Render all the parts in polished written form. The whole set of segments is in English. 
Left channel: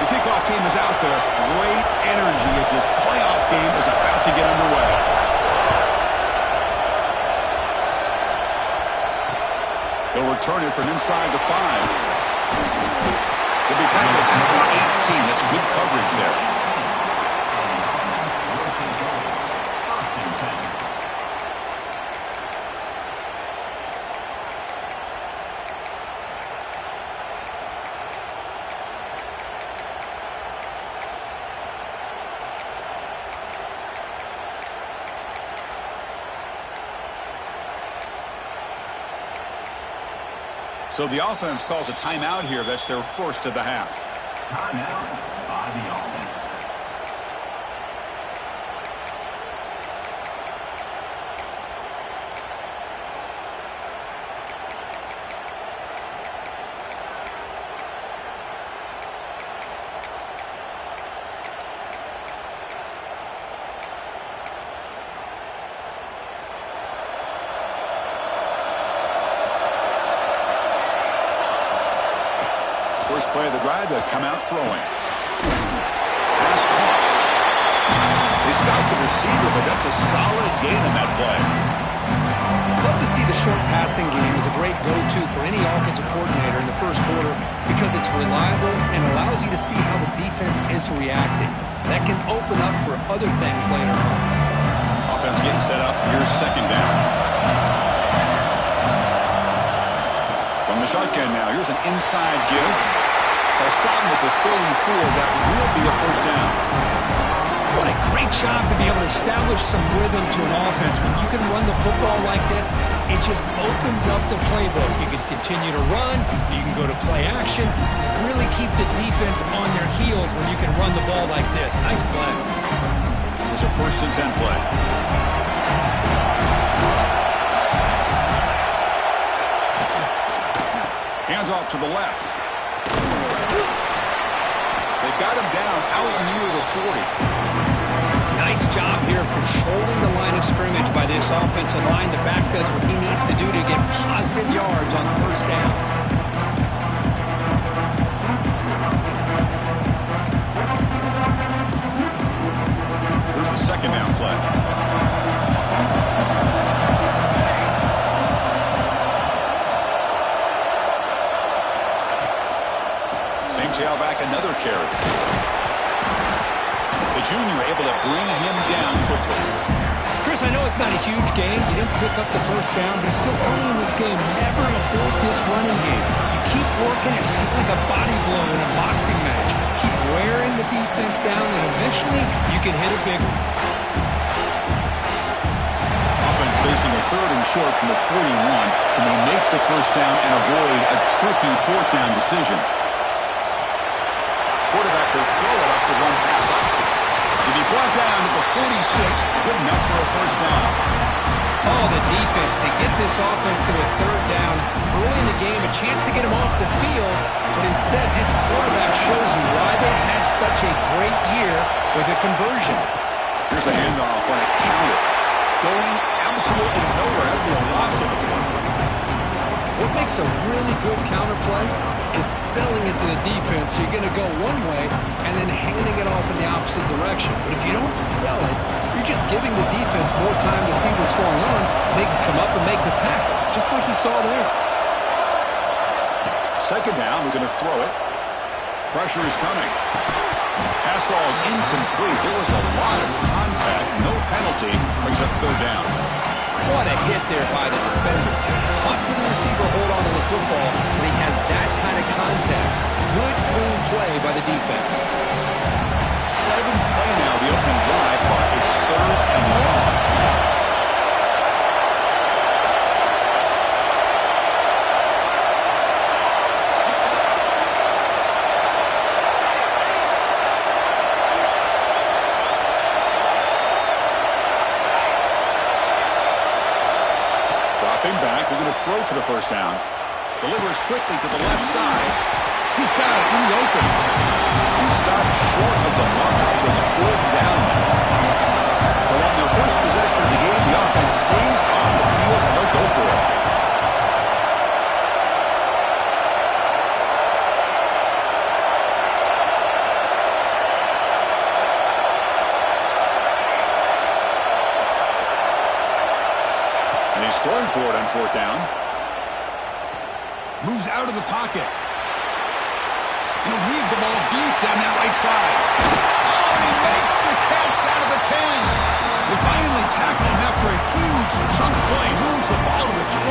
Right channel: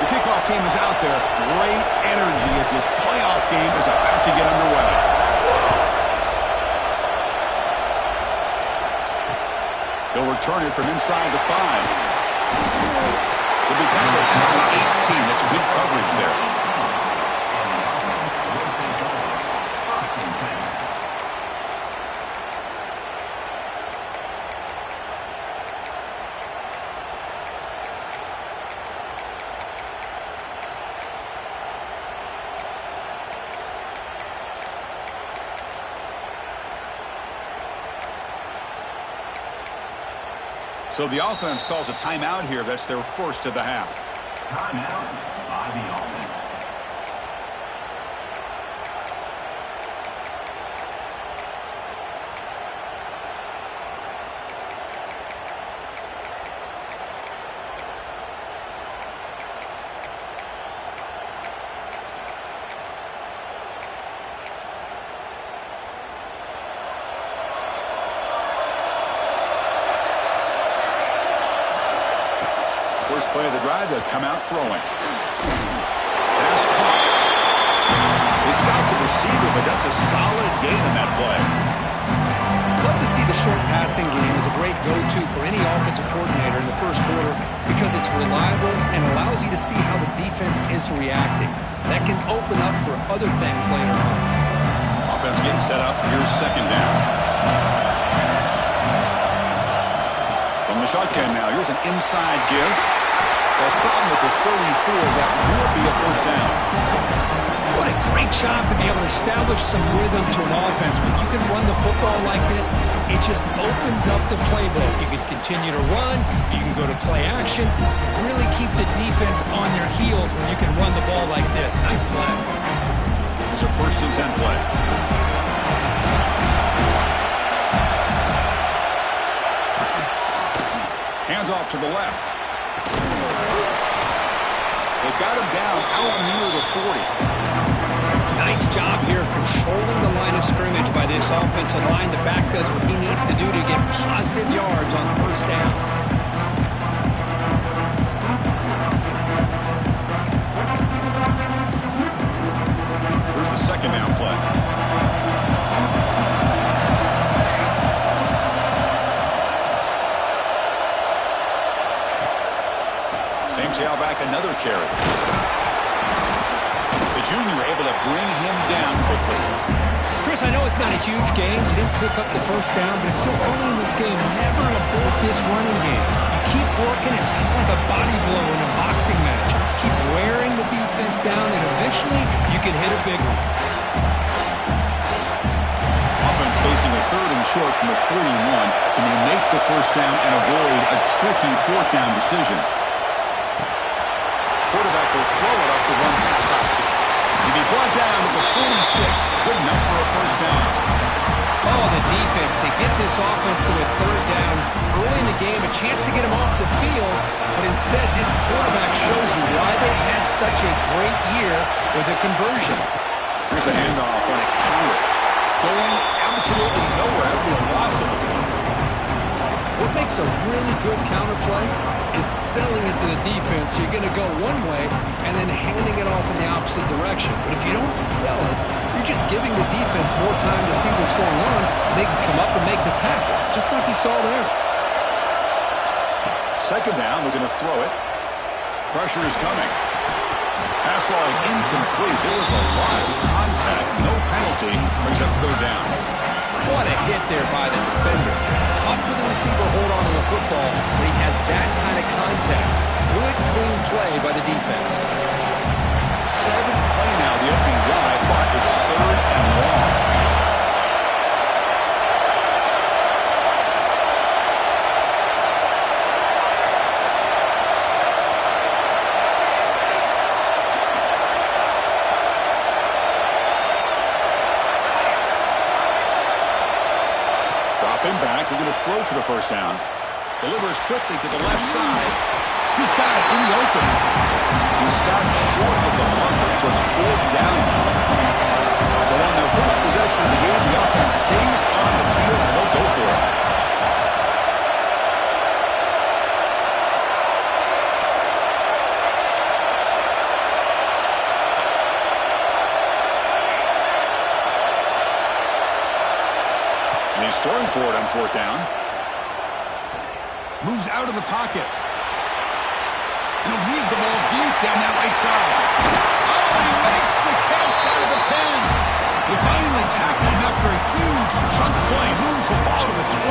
The kickoff team is out there. Great energy as this playoff game is about to get underway. He'll return it from inside the 5. He'll be tackled at the 18. That's good coverage there. So the offense calls a timeout here. That's their first of the half. Timeout by the offense. First play of the drive, they'll come out throwing. Pass caught. They stopped the receiver, but that's a solid gain on that play. Love to see the short passing game as a great go-to for any offensive coordinator in the first quarter because it's reliable and allows you to see how the defense is reacting. That can open up for other things later on. Offense getting set up. Here's second down. From the shotgun now, here's an inside give. They'll stop him at the 34. That will be a first down. What a great job to be able to establish some rhythm to an offense. When you can run the football like this, it just opens up the playbook. You can continue to run. You can go to play action. You really keep the defense on their heels when you can run the ball like this. Nice play. There's a 1st and 10 play. Hands off to the left. They've got him down out near the 40. Nice job here of controlling the line of scrimmage by this offensive line. The back does what he needs to do to get positive yards on first down. Here's the second down play. Same tailback, another carry. The junior able to bring him down quickly. Chris, I know it's not a huge game. You didn't pick up the first down, but it's still early in this game. Never abort this running game. You keep working. It's kind of like a body blow in a boxing match. Keep wearing the defense down, and eventually you can hit a big one. Offense facing a 3rd and short from the 41. Can they make the first down and avoid a tricky 4th down decision? Quarterback will throw it off the run pass option. He'll be brought down to the 46. Good enough for a first down. Oh, the defense. They get this offense to a 3rd down. Early in the game, a chance to get him off the field. But instead, this quarterback shows you why they had such a great year with a conversion. Here's a handoff on a counter. Going absolutely nowhere. That would be a loss of a play. What makes a really good counter play is selling it to the defense. So you're going to go one way and then handing it off in the opposite direction. But if you don't sell it, you're just giving the defense more time to see what's going on. They can come up and make the tackle, just like you saw there. Second down, we're going to throw it. Pressure is coming. Pass ball is incomplete. There was a lot of contact. No penalty. Brings up 3rd down. What a hit there by the defender. Tough for the receiver to hold on to the football when he has that kind of contact. Good, clean play by the defense. 7th play now, the opening drive, but it's 3rd and long. Dropping back, we're going to throw for the first down. Delivers quickly to the left side. He's got it in the open. He stopped short of the marker, so it's 4th down now. So on their first possession of the game, the offense stays on the field, and they'll go for it. he's throwing for it on fourth down. Moves out of the pocket. And he'll heave the ball deep down that right side. Oh, he makes the catch out of the 10. They finally tackle him after a huge chunk play. Moves the ball to the 12.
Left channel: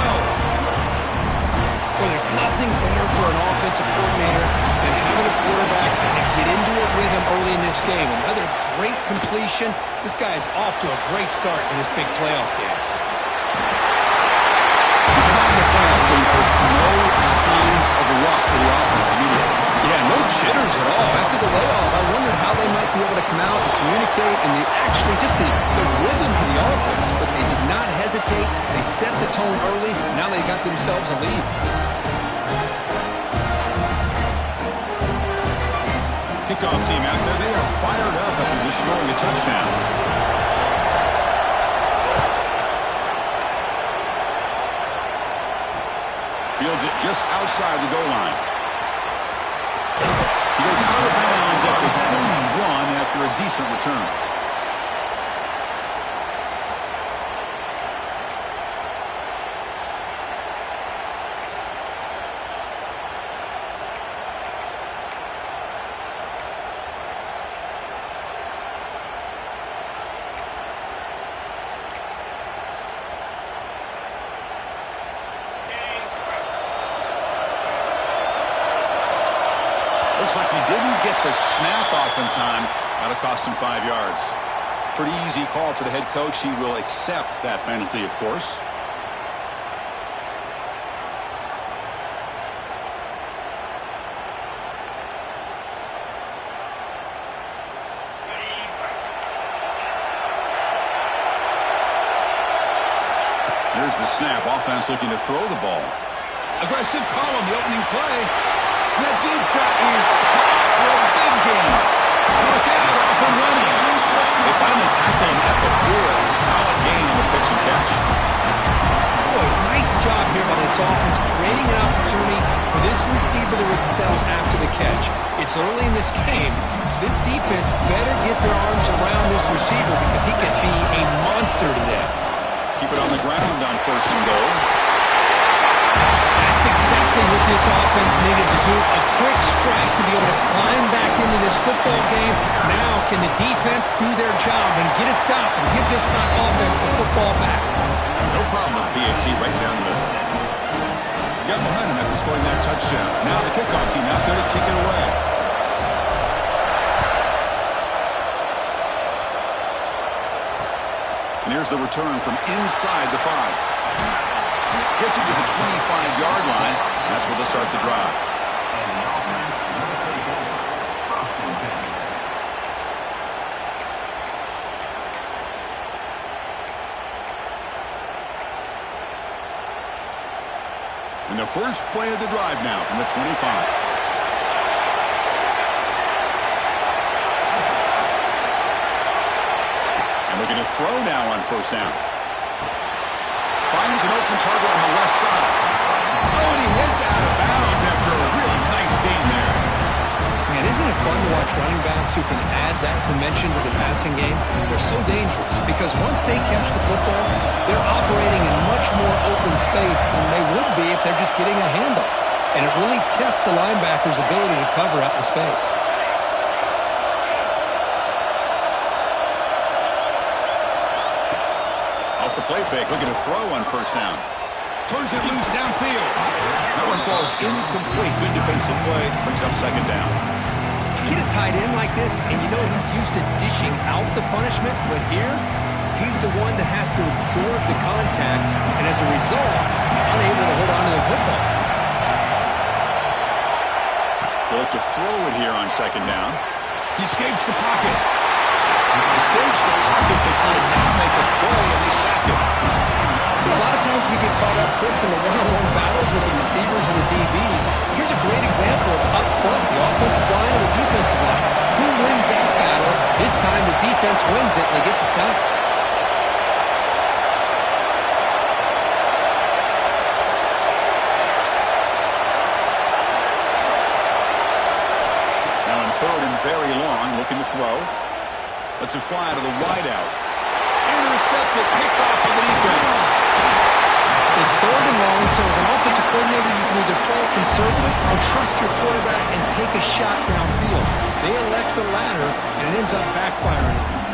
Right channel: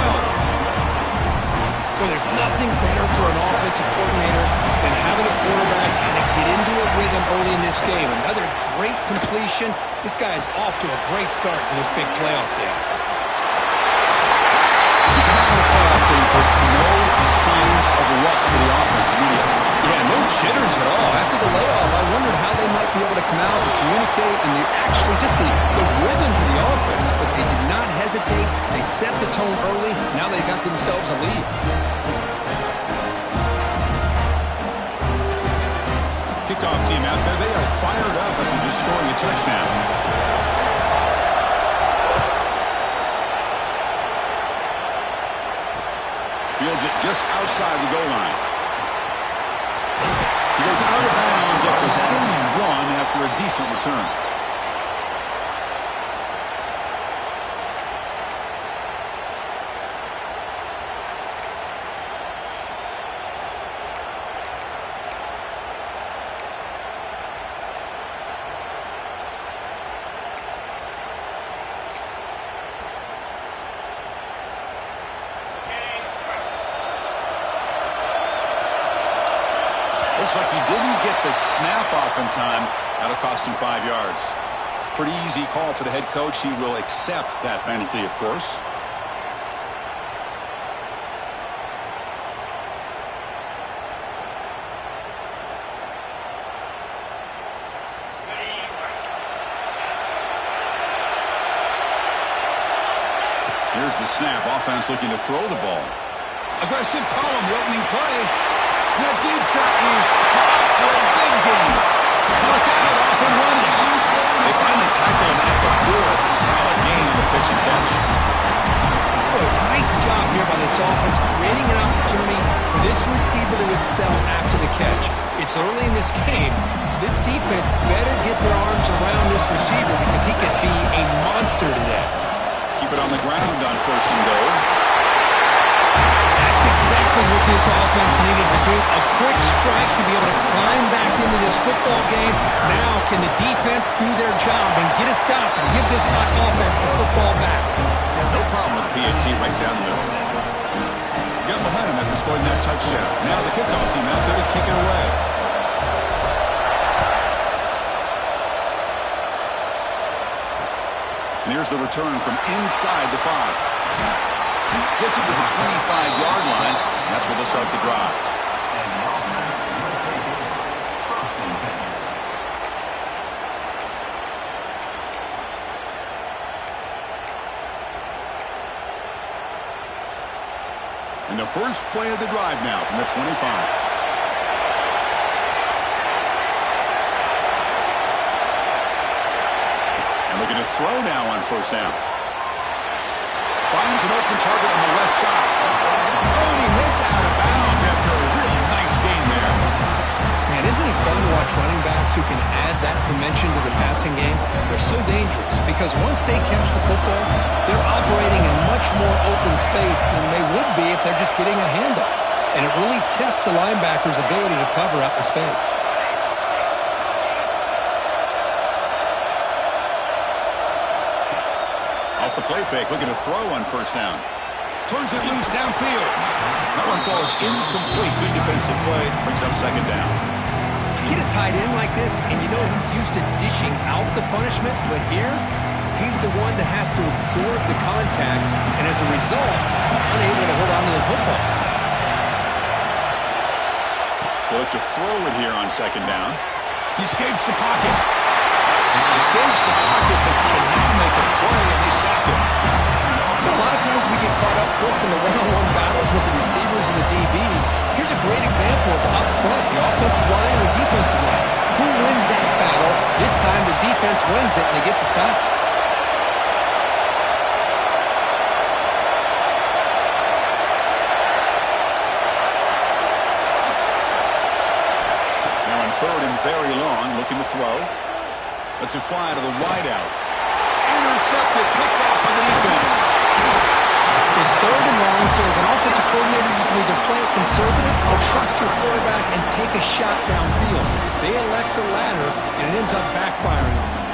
Well, there's nothing better for an offensive coordinator than having a quarterback kind of get into a rhythm early in this game. Another great completion. This guy is off to a great start in this big playoff game. Come on in the playoff game, Kirk. No signs of rust for the offense immediately. Yeah, no jitters at all. After the layoff, I wondered how they might be able to come out and communicate and the rhythm to the offense, but they did not hesitate. They set the tone early. Now they got themselves a lead. Kickoff team out there, they are fired up after just scoring a touchdown. Fields it just outside the goal line. He goes out of bounds at the 31 after a decent return. Looks like he didn't get the snap off in time. That'll cost him 5 yards. Pretty easy call for the head coach. He will accept that penalty, of course. Here's the snap. Offense looking to throw the ball. Aggressive call on the opening play. That deep shot is caught for a big gain. Look out, off and running. They finally tackle him at the 4. It's a solid gain on the pitch and catch. Boy, nice job here by this offense, creating an opportunity for this receiver to excel after the catch. It's early in this game, so this defense better get their arms around this receiver because he could be a monster today. Keep it on the ground on first and goal. That's exactly what this offense needed to do. A quick strike to be able to climb back into this football game. Now can the defense do their job and get a stop and give this hot offense the football back? No problem with PAT right down the middle. Got momentum after scoring that touchdown. Now the kickoff team out there to kick it away. And here's the return from inside the 5. Gets it to the 25-yard line. And that's where they'll start the drive. And the offense will take over. First and 10. And the first play of the drive now from the 25. And looking to throw now on first down. Finds an open target on the left side. Oh, and he hits out of bounds after a really nice gain there. Man, isn't it fun to watch running backs who can add that dimension to the passing game? They're so dangerous because once they catch the football, they're operating in much more open space than they would be if they're just getting a handoff. And it really tests the linebacker's ability to cover out in space. Off the play fake, looking to throw on first down. Turns it loose downfield. That one falls incomplete. Good defensive play. Brings up second down. You get a tight end like this, and you know he's used to dishing out the punishment, but here, he's the one that has to absorb the contact, and as a result, he's unable to hold on to the football. They'll look to throw it here on second down. He escapes the pocket. Escapes the pocket, but cannot make a play, and they sack him. A lot of times we get caught up, Chris, in the one-on-one battles with the receivers and the DBs. Here's a great example of up front, the offensive line and the defensive line. Who wins that battle? This time the defense wins it, and they get the sack. Now in third and very long, looking to throw. Lets it fly to the wideout. Intercepted, picked off on the defense. It's 3rd and long, so as an offensive coordinator, you can either play it conservative or trust your quarterback and take a shot downfield. They elect the latter, and it ends up backfiring on them.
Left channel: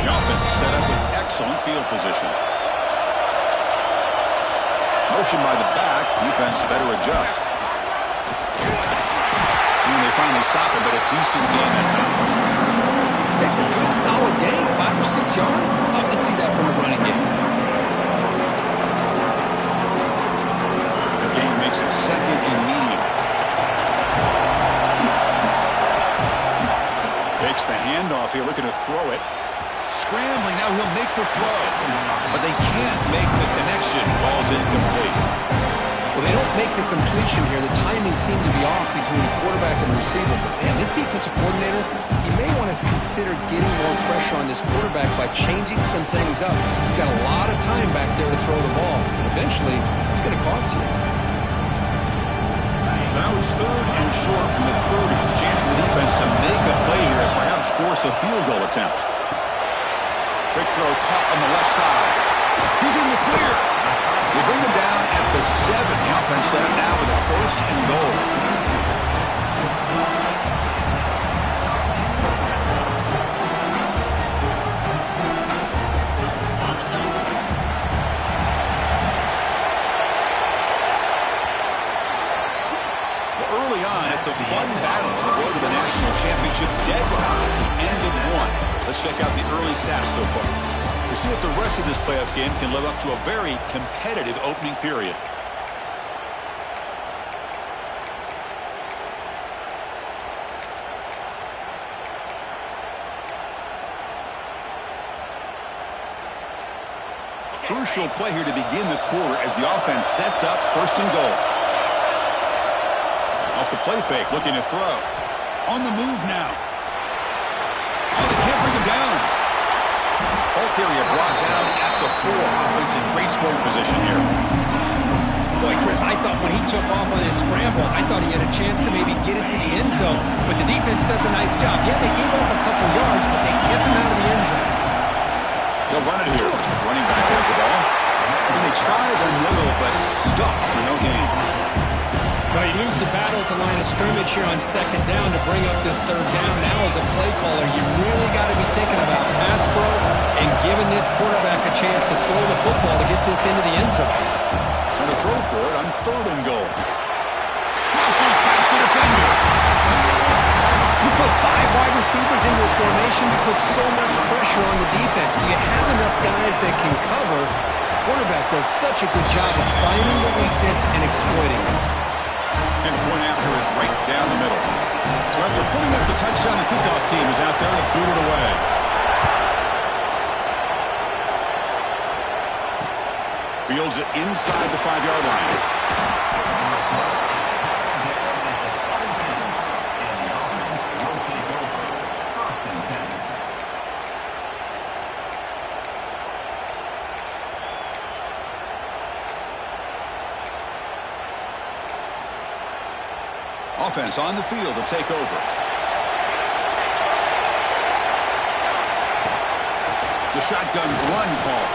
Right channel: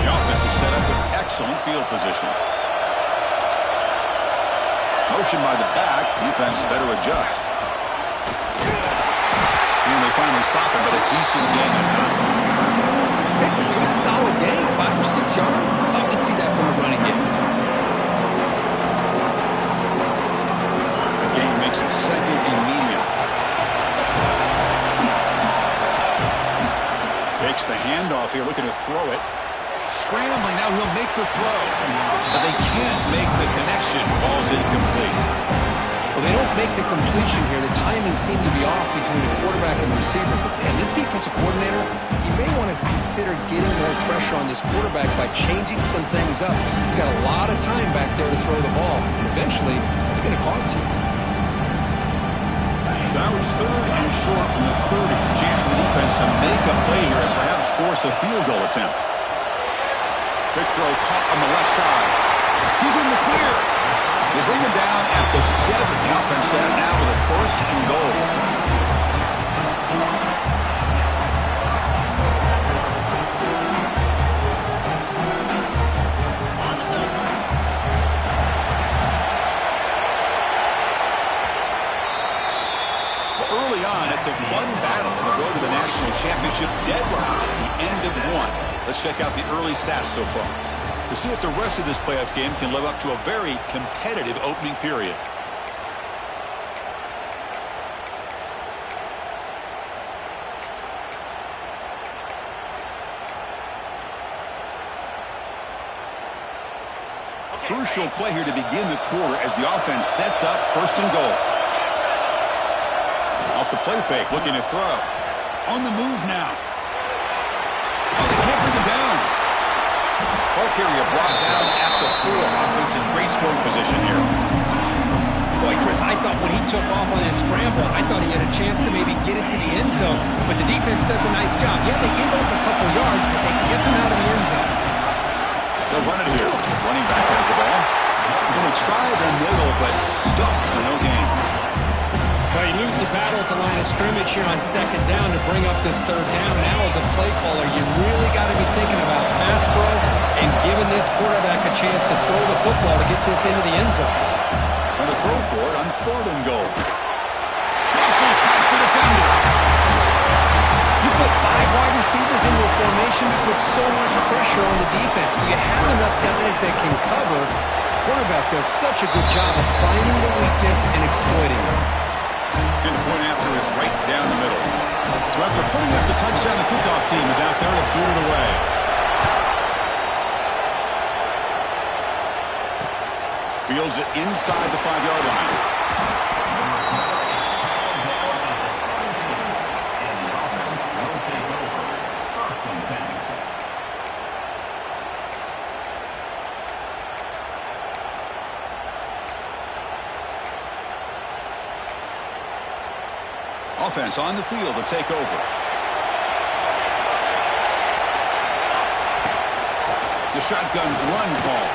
The offense is set up with excellent field position. Motion by the back. Defense better adjust. And they finally stop him, but a decent gain that time. It's a good, solid game. 5 or 6 yards. Love to see that from a running game. The game makes it 2nd and medium. Fakes the handoff here, looking to throw it. Scrambling, now he'll make the throw. But they can't make the connection. Ball's incomplete. Well, they don't make the completion here. The timing seemed to be off between the quarterback and the receiver. But, man, this defensive coordinator, he may want to consider getting more pressure on this quarterback by changing some things up. You've got a lot of time back there to throw the ball. And eventually, it's going to cost you. So now it's 3rd and short from the 30. Chance for the defense to make a play here and perhaps force a field goal attempt. Quick throw caught on the left side. He's in the clear. They bring him down at the 7. The offense set it now with a 1st and goal. Well, early on, it's a fun battle on the road to the national championship deadline at the end of 1. Let's check out the early stats so far. We'll see if the rest of this playoff game can live up to a very competitive opening period. Crucial play here to begin the quarter as the offense sets up 1st and goal. Off the play fake, looking to throw. On the move now. Oh, they can't bring him down. Ball carrier brought down at the 4. Offense in great scoring position here. Boy, Chris, I thought when he took off on his scramble, I thought he had a chance to maybe get it to the end zone. But the defense does a nice job. Yeah, they gave up a couple yards, but they kept him out of the end zone. They'll run it here. Running back has the ball. And they try the middle, but stuck for no gain. Well, you lose the battle at the line of scrimmage here on 2nd down to bring up this 3rd down. Now as a play caller, you really got to be thinking about pass pro and giving this quarterback a chance to throw the football to get this into the end zone. And a throw for it on 3rd and goal. Muscles past the defender. You put 5 wide receivers into a formation, you put so much pressure on the defense. Do you have enough guys that can cover? Quarterback does such a good job of finding the weakness and exploiting it. And the point after is right down the middle. So after putting up the touchdown, the kickoff team is out there to boot it away. Fields it inside the 5-yard line. And the offense will take over. 1st and 10. Offense on the field to take over. It's a shotgun run call.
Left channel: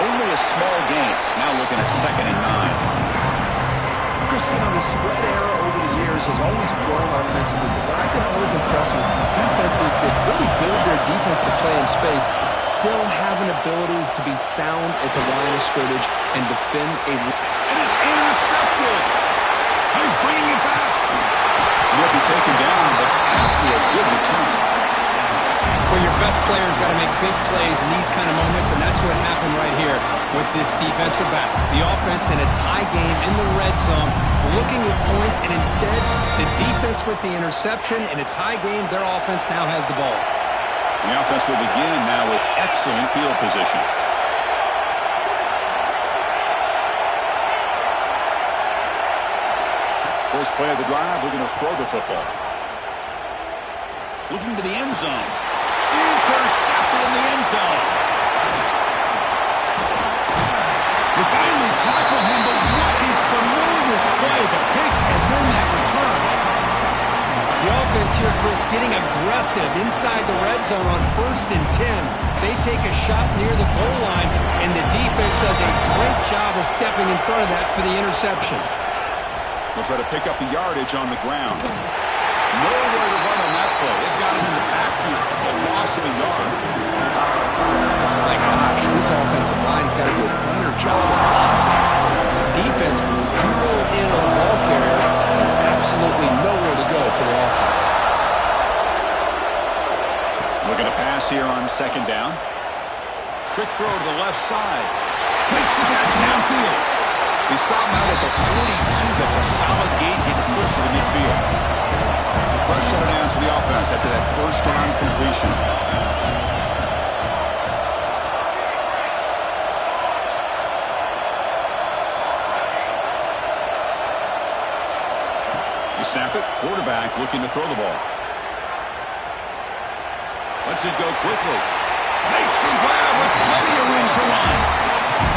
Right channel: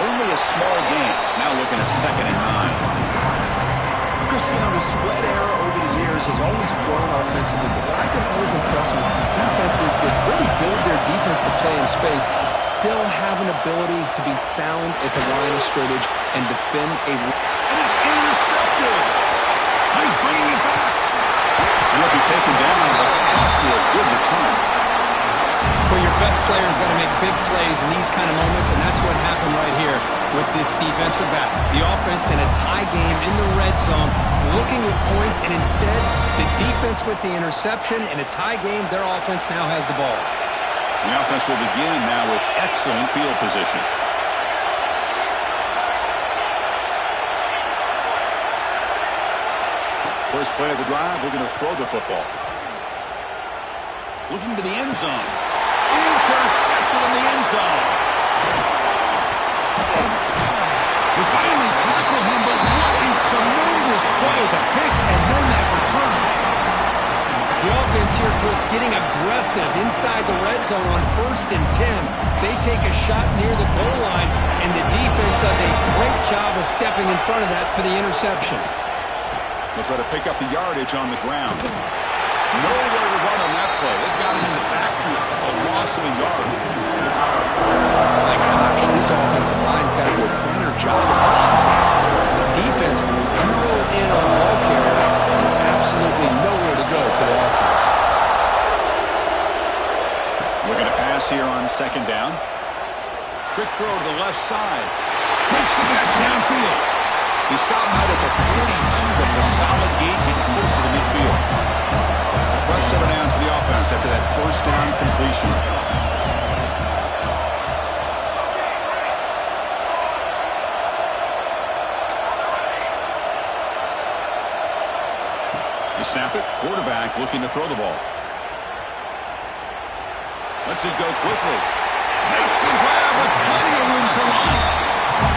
Only a small gain. Now looking at 2nd and 9. Cristiano, the spread era over the years has always grown offensively, but what I've been always impressed with defenses that really build their defense to play in space still have an ability to be sound at the line of scrimmage and defend a... It is intercepted. He's bringing it back. And he'll be taken down, but after a good return. Well, your best player's got to make big plays in these kind of moments, and that's what happened right here with this defensive battle. The offense in a tie game in the red zone, looking at points, and instead, the defense with the interception. In a tie game, their offense now has the ball. The offense will begin now with excellent field position. First play of the drive, looking to throw the football. Looking to the end zone. Intercepted in the end zone. They finally tackle him, but what a tremendous play. The pick and then that return. The offense offense here, Chris, getting aggressive inside the red zone on 1st and 10. They take a shot near the goal line, and the defense does a great job of stepping in front of that for the interception. They'll try to pick up the yardage on the ground. Nowhere to run on that play. They've got him in the backfield. That's a loss of a yard. My gosh, this offensive line's got to do a better job of blocking. The defense was zero in on the ball carrier and absolutely nowhere to go for the offense. Looking to pass here on 2nd down. Quick throw to the left side. Makes the catch downfield. He stopped out at the 42. That's a solid gain, getting closer to midfield. Fresh set of downs for the offense after that 1st down completion. You snap it. Quarterback looking to throw the ball. Lets it go quickly. Makes the grab with plenty of room to run.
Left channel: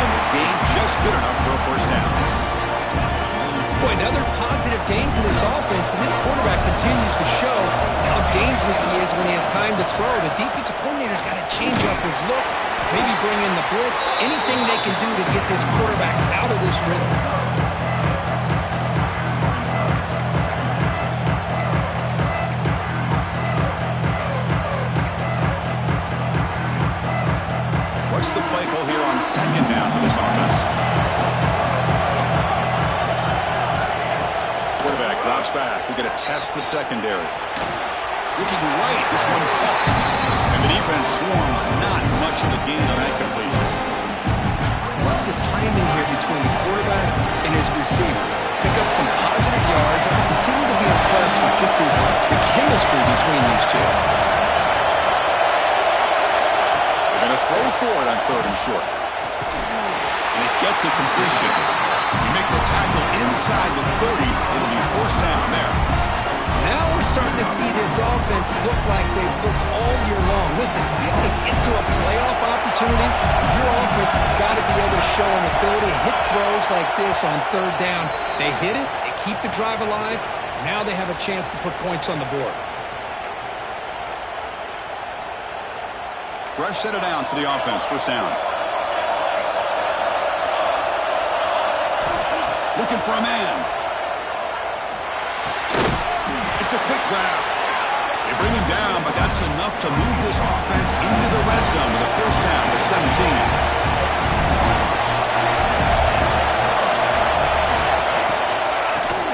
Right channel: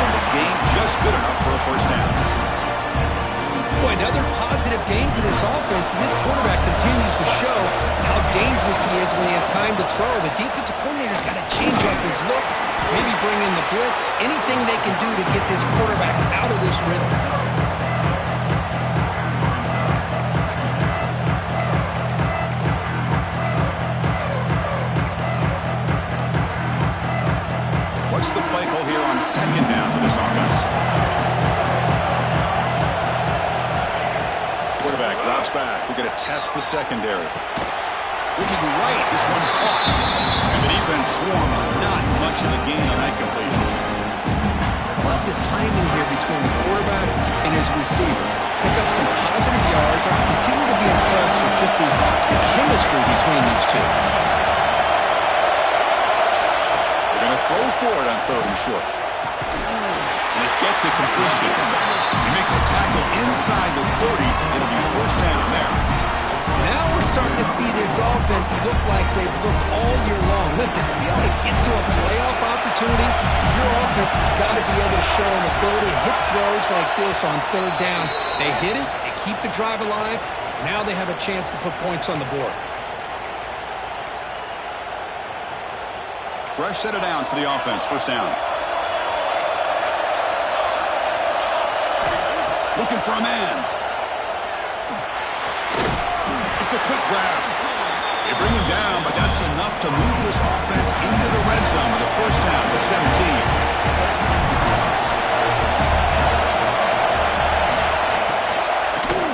And the gain just good enough for a 1st down. Boy, another positive game for this offense, and this quarterback continues to show how dangerous he is when he has time to throw. The defensive coordinator's got to change up his looks, maybe bring in the blitz, anything they can do to get this quarterback out of this rhythm. What's the play call here on 2nd down for this offense? Quarterback drops back. We're going to test the secondary. Looking right, this one caught. And the defense swarms. Not much of a gain on that completion. Love the timing here between the quarterback and his receiver. Pick up some positive yards. I continue to be impressed with just the chemistry between these two. They're going to throw for it on 3rd and short. And they get to completion. You make the tackle inside the 30. It'll be 1st down there. Now we're starting to see this offense look like they've looked all year long. Listen, to be able to get to a playoff opportunity, your offense has got to be able to show an ability to hit throws like this on 3rd down. They hit it, they keep the drive alive. Now they have a chance to put points on the board. Fresh set of downs for the offense. 1st down. Looking for a man. It's a quick grab. They bring him down, but that's enough to move this offense into the red zone with a 1st down to 17.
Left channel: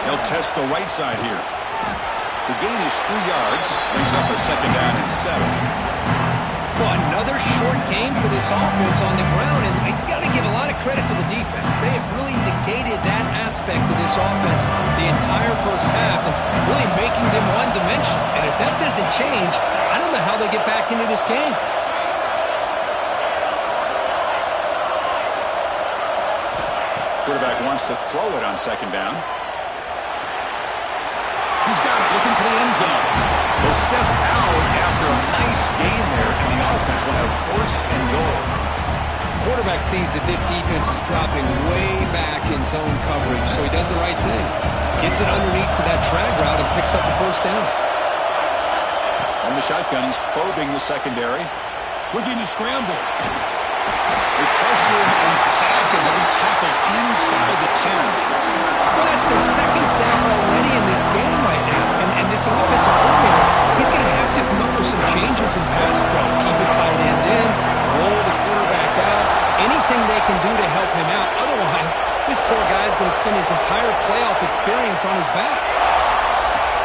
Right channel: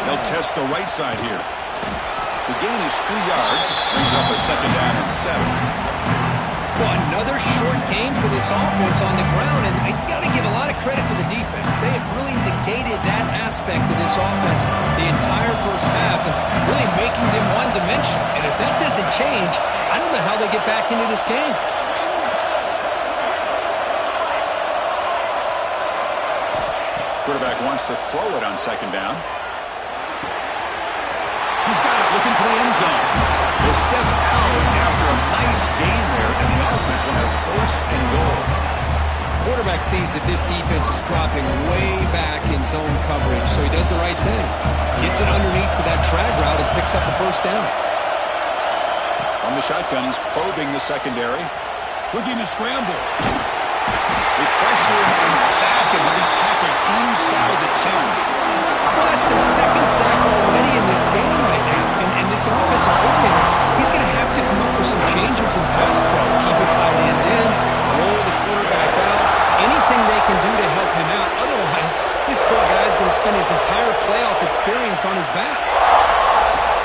They'll test the right side here. The gain is 3 yards. Brings up a 2nd down and 7. Well, another short game for this offense on the ground, and you got to give a lot of credit to the defense. They have really negated that aspect of this offense the entire 1st half and really making them one-dimensional. And if that doesn't change, I don't know how they get back into this game. Quarterback wants to throw it on 2nd down. He's got it, looking for the end zone. They'll step out after a nice gain there, and the offense will have 1st and goal. Quarterback sees that this defense is dropping way back in zone coverage, so he does the right thing. Gets it underneath to that drag route and picks up the 1st down. On the shotgun, he's probing the secondary. Looking to scramble. They pressure him and sack him. He'll be tackled inside the 10. Well, that's their 2nd sack already in this game right now. And this offensive coordinator, he's going to have to come up with some changes in pass pro. Keep a tight end in, roll the quarterback out, anything they can do to help him out. Otherwise, this poor guy is going to spend his entire playoff experience on his back.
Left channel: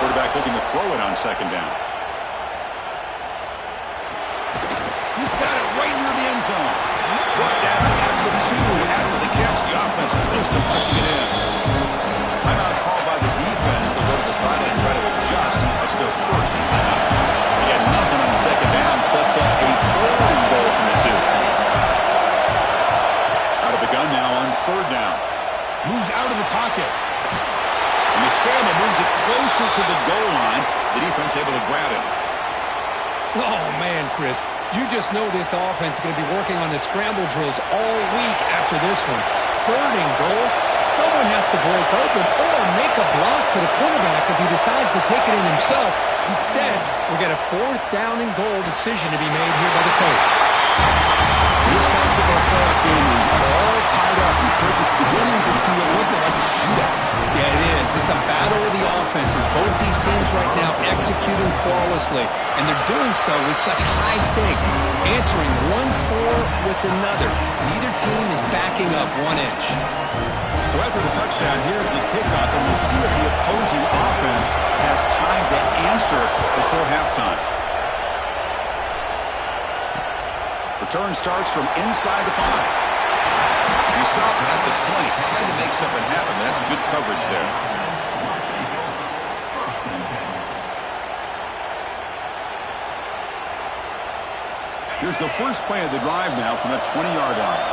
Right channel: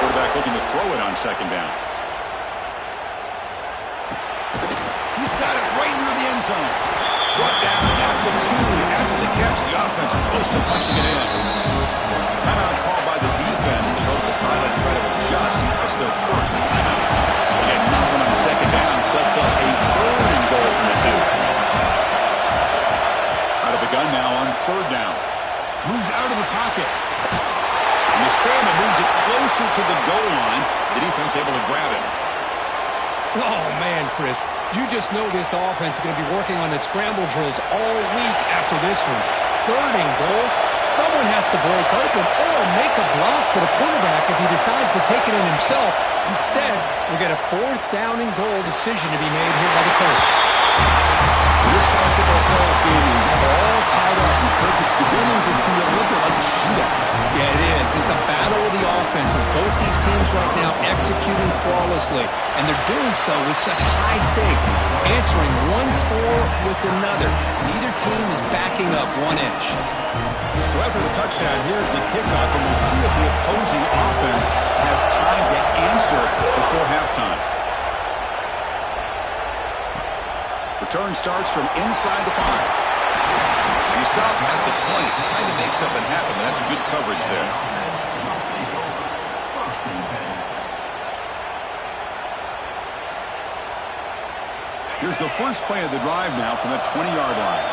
Quarterback looking to throw it on 2nd down. He's got it right near the end zone. Brought down at the 2 after the catch. The offense close to punching it in. Timeout called by the defense. They'll go to the sideline and try to adjust. That's their 1st timeout. They get nothing on 2nd down. Sets up a 3rd and goal from the 2. Out of the gun now on 3rd down. Moves out of the pocket. And the scramble moves it closer to the goal line. The defense able to grab it. Oh, man, Chris. You just know this offense is going to be working on the scramble drills all week after this one. 3rd and goal, someone has to break open or make a block for the quarterback if he decides to take it in himself. Instead, we got a 4th down and goal decision to be made here by the coach. This college football playoff game is all tied up, and Kirk, it's beginning to feel a little bit like a shootout. Yeah, it is. It's a battle of the offenses. Both these teams right now executing flawlessly, and they're doing so with such high stakes, answering one score with another. Neither team is backing up 1 inch. So after the touchdown, here's the kickoff, and we'll see if the opposing offense has time to answer before halftime. Return starts from inside the 5. And he stopped at the 20, trying to make something happen, but that's good coverage there. Here's the first play of the drive now from the 20-yard line.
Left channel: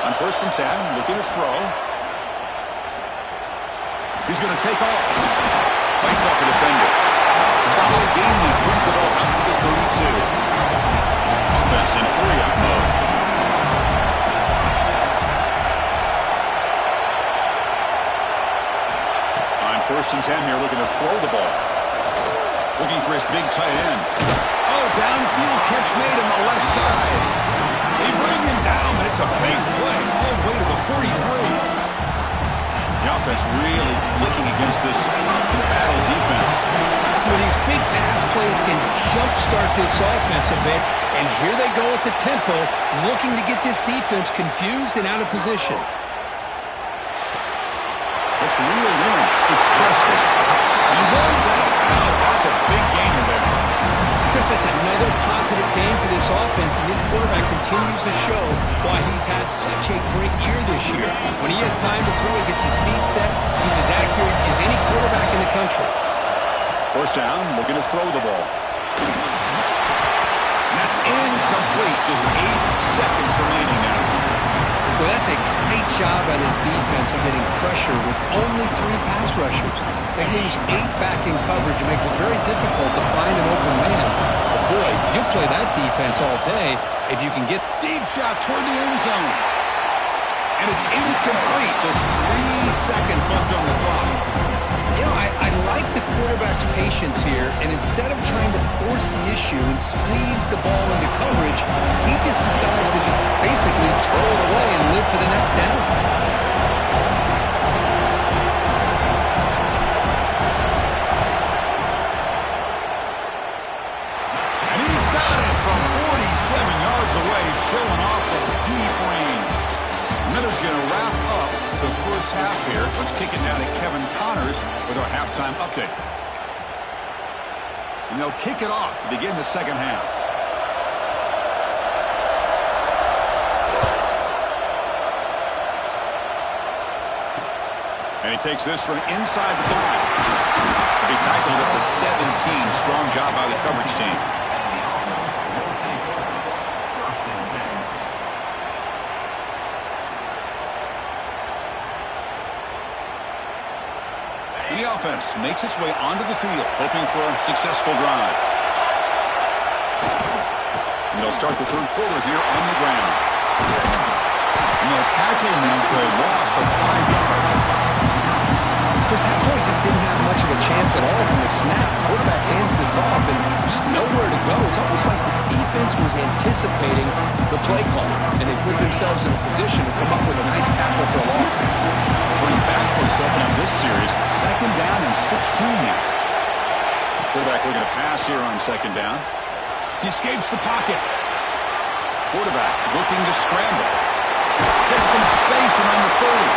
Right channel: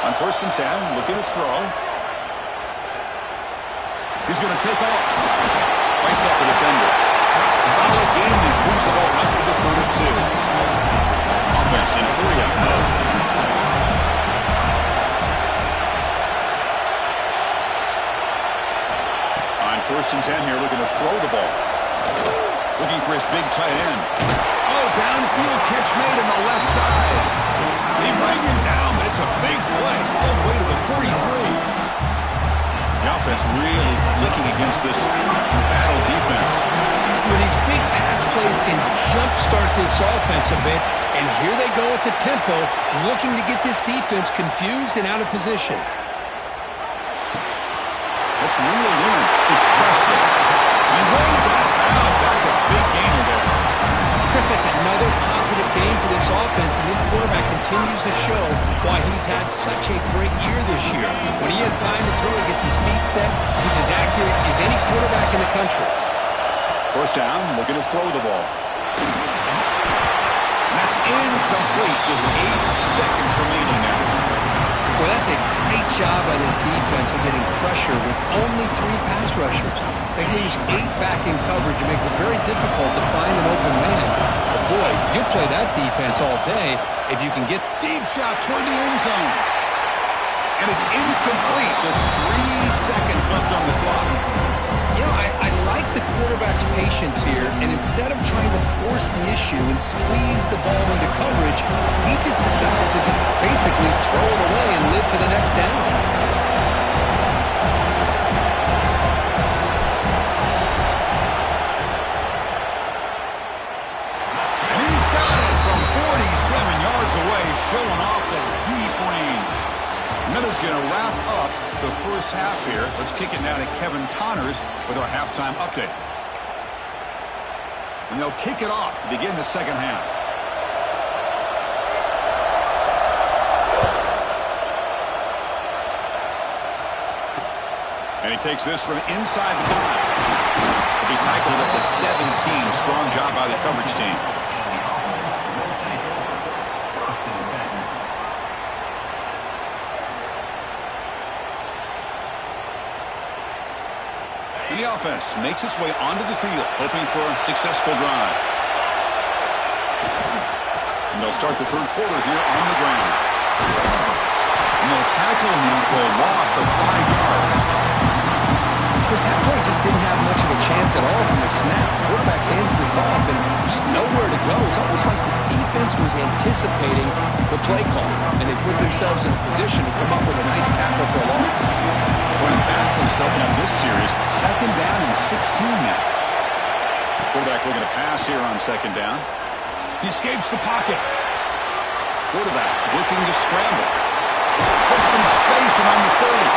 On 1st and 10, looking to throw. He's going to take off. Bites off a defender. Solid game that moves the ball out to the 32. Offense in hurry-up mode. On 1st and 10 here, looking to throw the ball. Looking for his big tight end. Oh, downfield catch made on the left side. They bring him down, but it's a big play all the way to the 43. The offense really clicking against this battle defense. But these big pass plays can jumpstart this offense a bit, and here they go at the tempo, looking to get this defense confused and out of position. It's reeled in. It's Presley. And he rolls out of bounds. That's a big gainer there. Chris, that's another positive game for this offense, and this quarterback continues to show why he's had such a great year this year. When he has time to throw, he gets his feet set. He's as accurate as any quarterback in the country. 1st down, looking to throw the ball. And that's incomplete. Just 8 seconds remaining now. Well, that's a great job by this defense of getting pressure with only 3 pass rushers. They lose 8 back in coverage. It makes it very difficult to find an open man. But boy, you'll play that defense all day if you can get... Deep shot toward the end zone. And it's incomplete. Just 3 seconds left on the clock. You know, I like the quarterback's patience here, and instead of trying to force the issue and squeeze the ball into coverage, he just decides to just basically throw it away and live for the next down. And he's got it from 47 yards away, showing off the deep range. Miller's going to wrap up the first half here. Let's kick it now to Kevin Connors with our halftime update. And they'll kick it off to begin the second half. And he takes this from inside the 5. He'll be tackled at the 17. Strong job by the coverage team. And the offense makes its way onto the field, hoping for a successful drive. And they'll start the 3rd quarter here on the ground. And they'll tackle him for a loss of 5 yards. Chris, that play just didn't have much of a chance at all from the snap. The quarterback hands this off, and there's nowhere to go. It's almost like the defense was anticipating the play call, and they put themselves in a position to come up with a nice tackle for a loss. Going backwards to open up this series, 2nd down and 16 now. Quarterback looking to pass here on 2nd down. He escapes the pocket. Quarterback looking to scramble. Gets some space around the 30.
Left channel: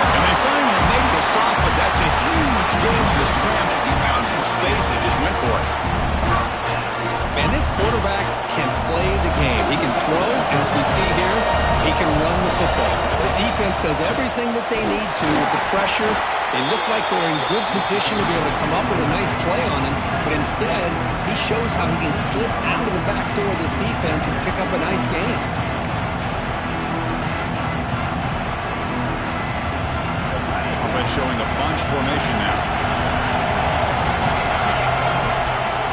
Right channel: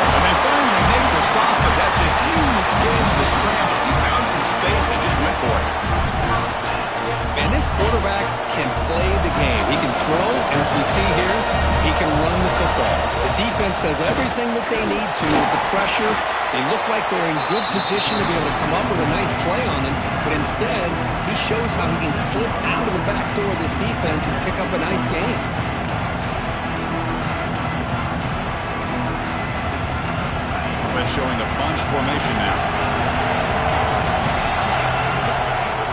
And they finally make the stop, but that's a huge gain in the scramble. He found some space and just went for it. And this quarterback can play the game. He can throw, and as we see here, he can run the football. The defense does everything that they need to with the pressure. They look like they're in good position to be able to come up with a nice play on him, but instead, he shows how he can slip out of the back door of this defense and pick up a nice gain. Offense showing a bunch formation now.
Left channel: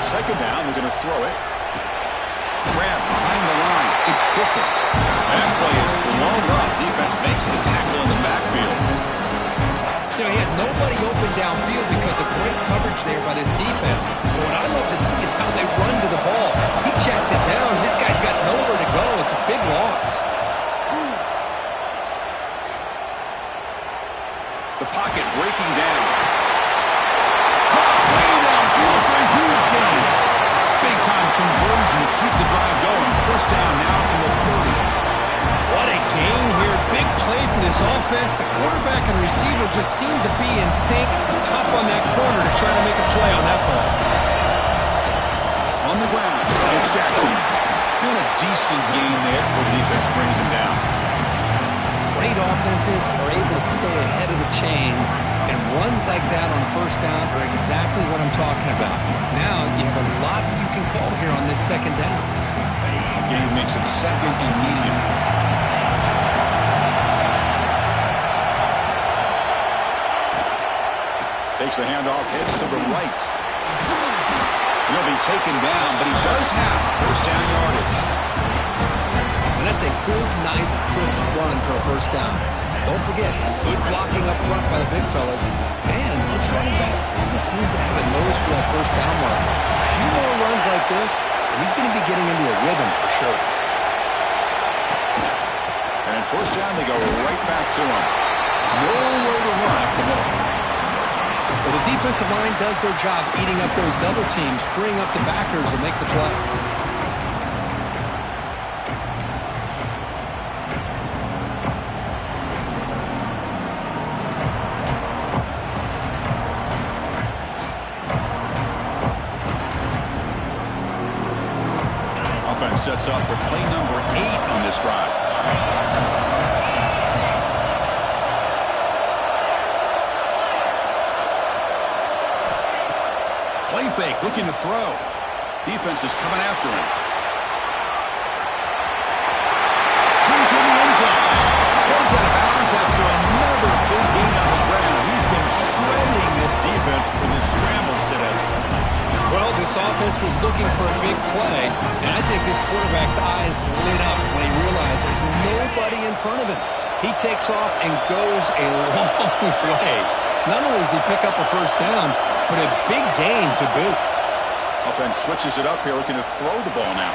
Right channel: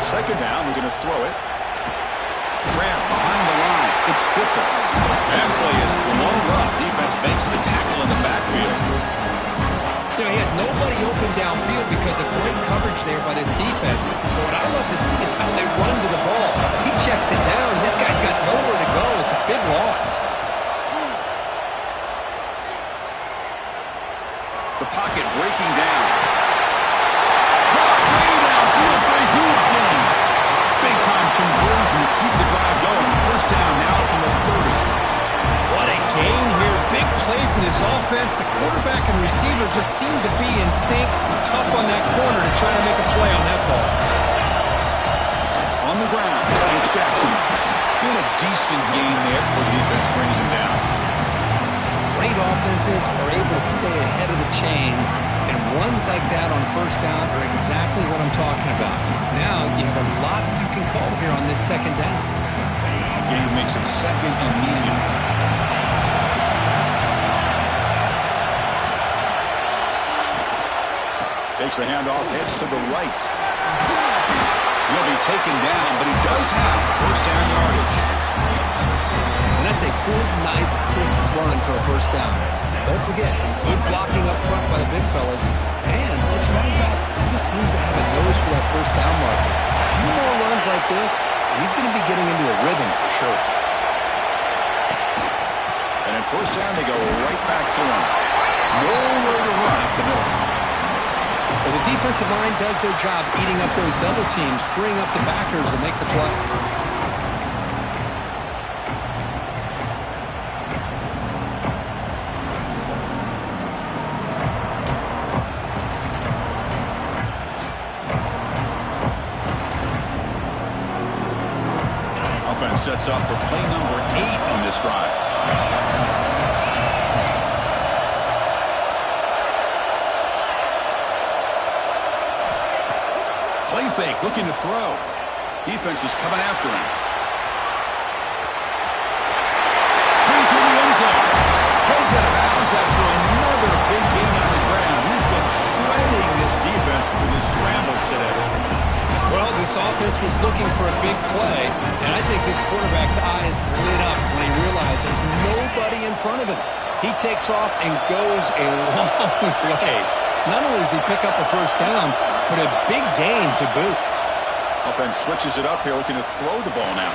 2nd down, we're going to throw it. Grab behind the line. It's Spitzer. That play is blown up. Defense makes the tackle in the backfield. You know, he had nobody open downfield because of great coverage there by this defense. But what I love to see is how they run to the ball. He checks it down, and this guy's got nowhere to go. It's a big loss. The pocket breaking down. Caught way downfield for a huge gain. Big-time conversion to keep the drive going. First down now from the 30. What a gain here. Big play for this offense. The quarterback and receiver just seem to be in sync. Tough on that corner to try to make a play on that ball. On the ground, it's Jackson. Doing a decent gain there before the defense brings him down. Great offenses are able to stay ahead of the chains, and runs like that on first down are exactly what I'm talking about. Now you have a lot that you can call here on this second down. Gain makes it second and medium. Takes the handoff, heads to the right. He'll be taken down, but he does have first down yardage. And that's a good, nice, crisp run for a first down. Don't forget, good blocking up front by the big fellas. And this running back, he just seems to have a nose for that first down marker. A few more runs like this, and he's going to be getting into a rhythm for sure. And at first down, they go right back to him. Nowhere to run up the middle. Well, the defensive line does their job eating up those double teams, freeing up the backers to make the play. Offense sets up for play number 8 on this drive. Play fake, looking to throw. Defense is coming after him. Into the end zone. Heads out of bounds after another big gain on the ground. He's been shredding this defense with his scrambles today. Well, this offense was looking for a big play, and I think this quarterback's eyes lit up when he realized there's nobody in front of him. He takes off and goes a long way. Not only does he pick up a first down, but a big gain to boot. Offense switches it up here, looking to throw the ball now.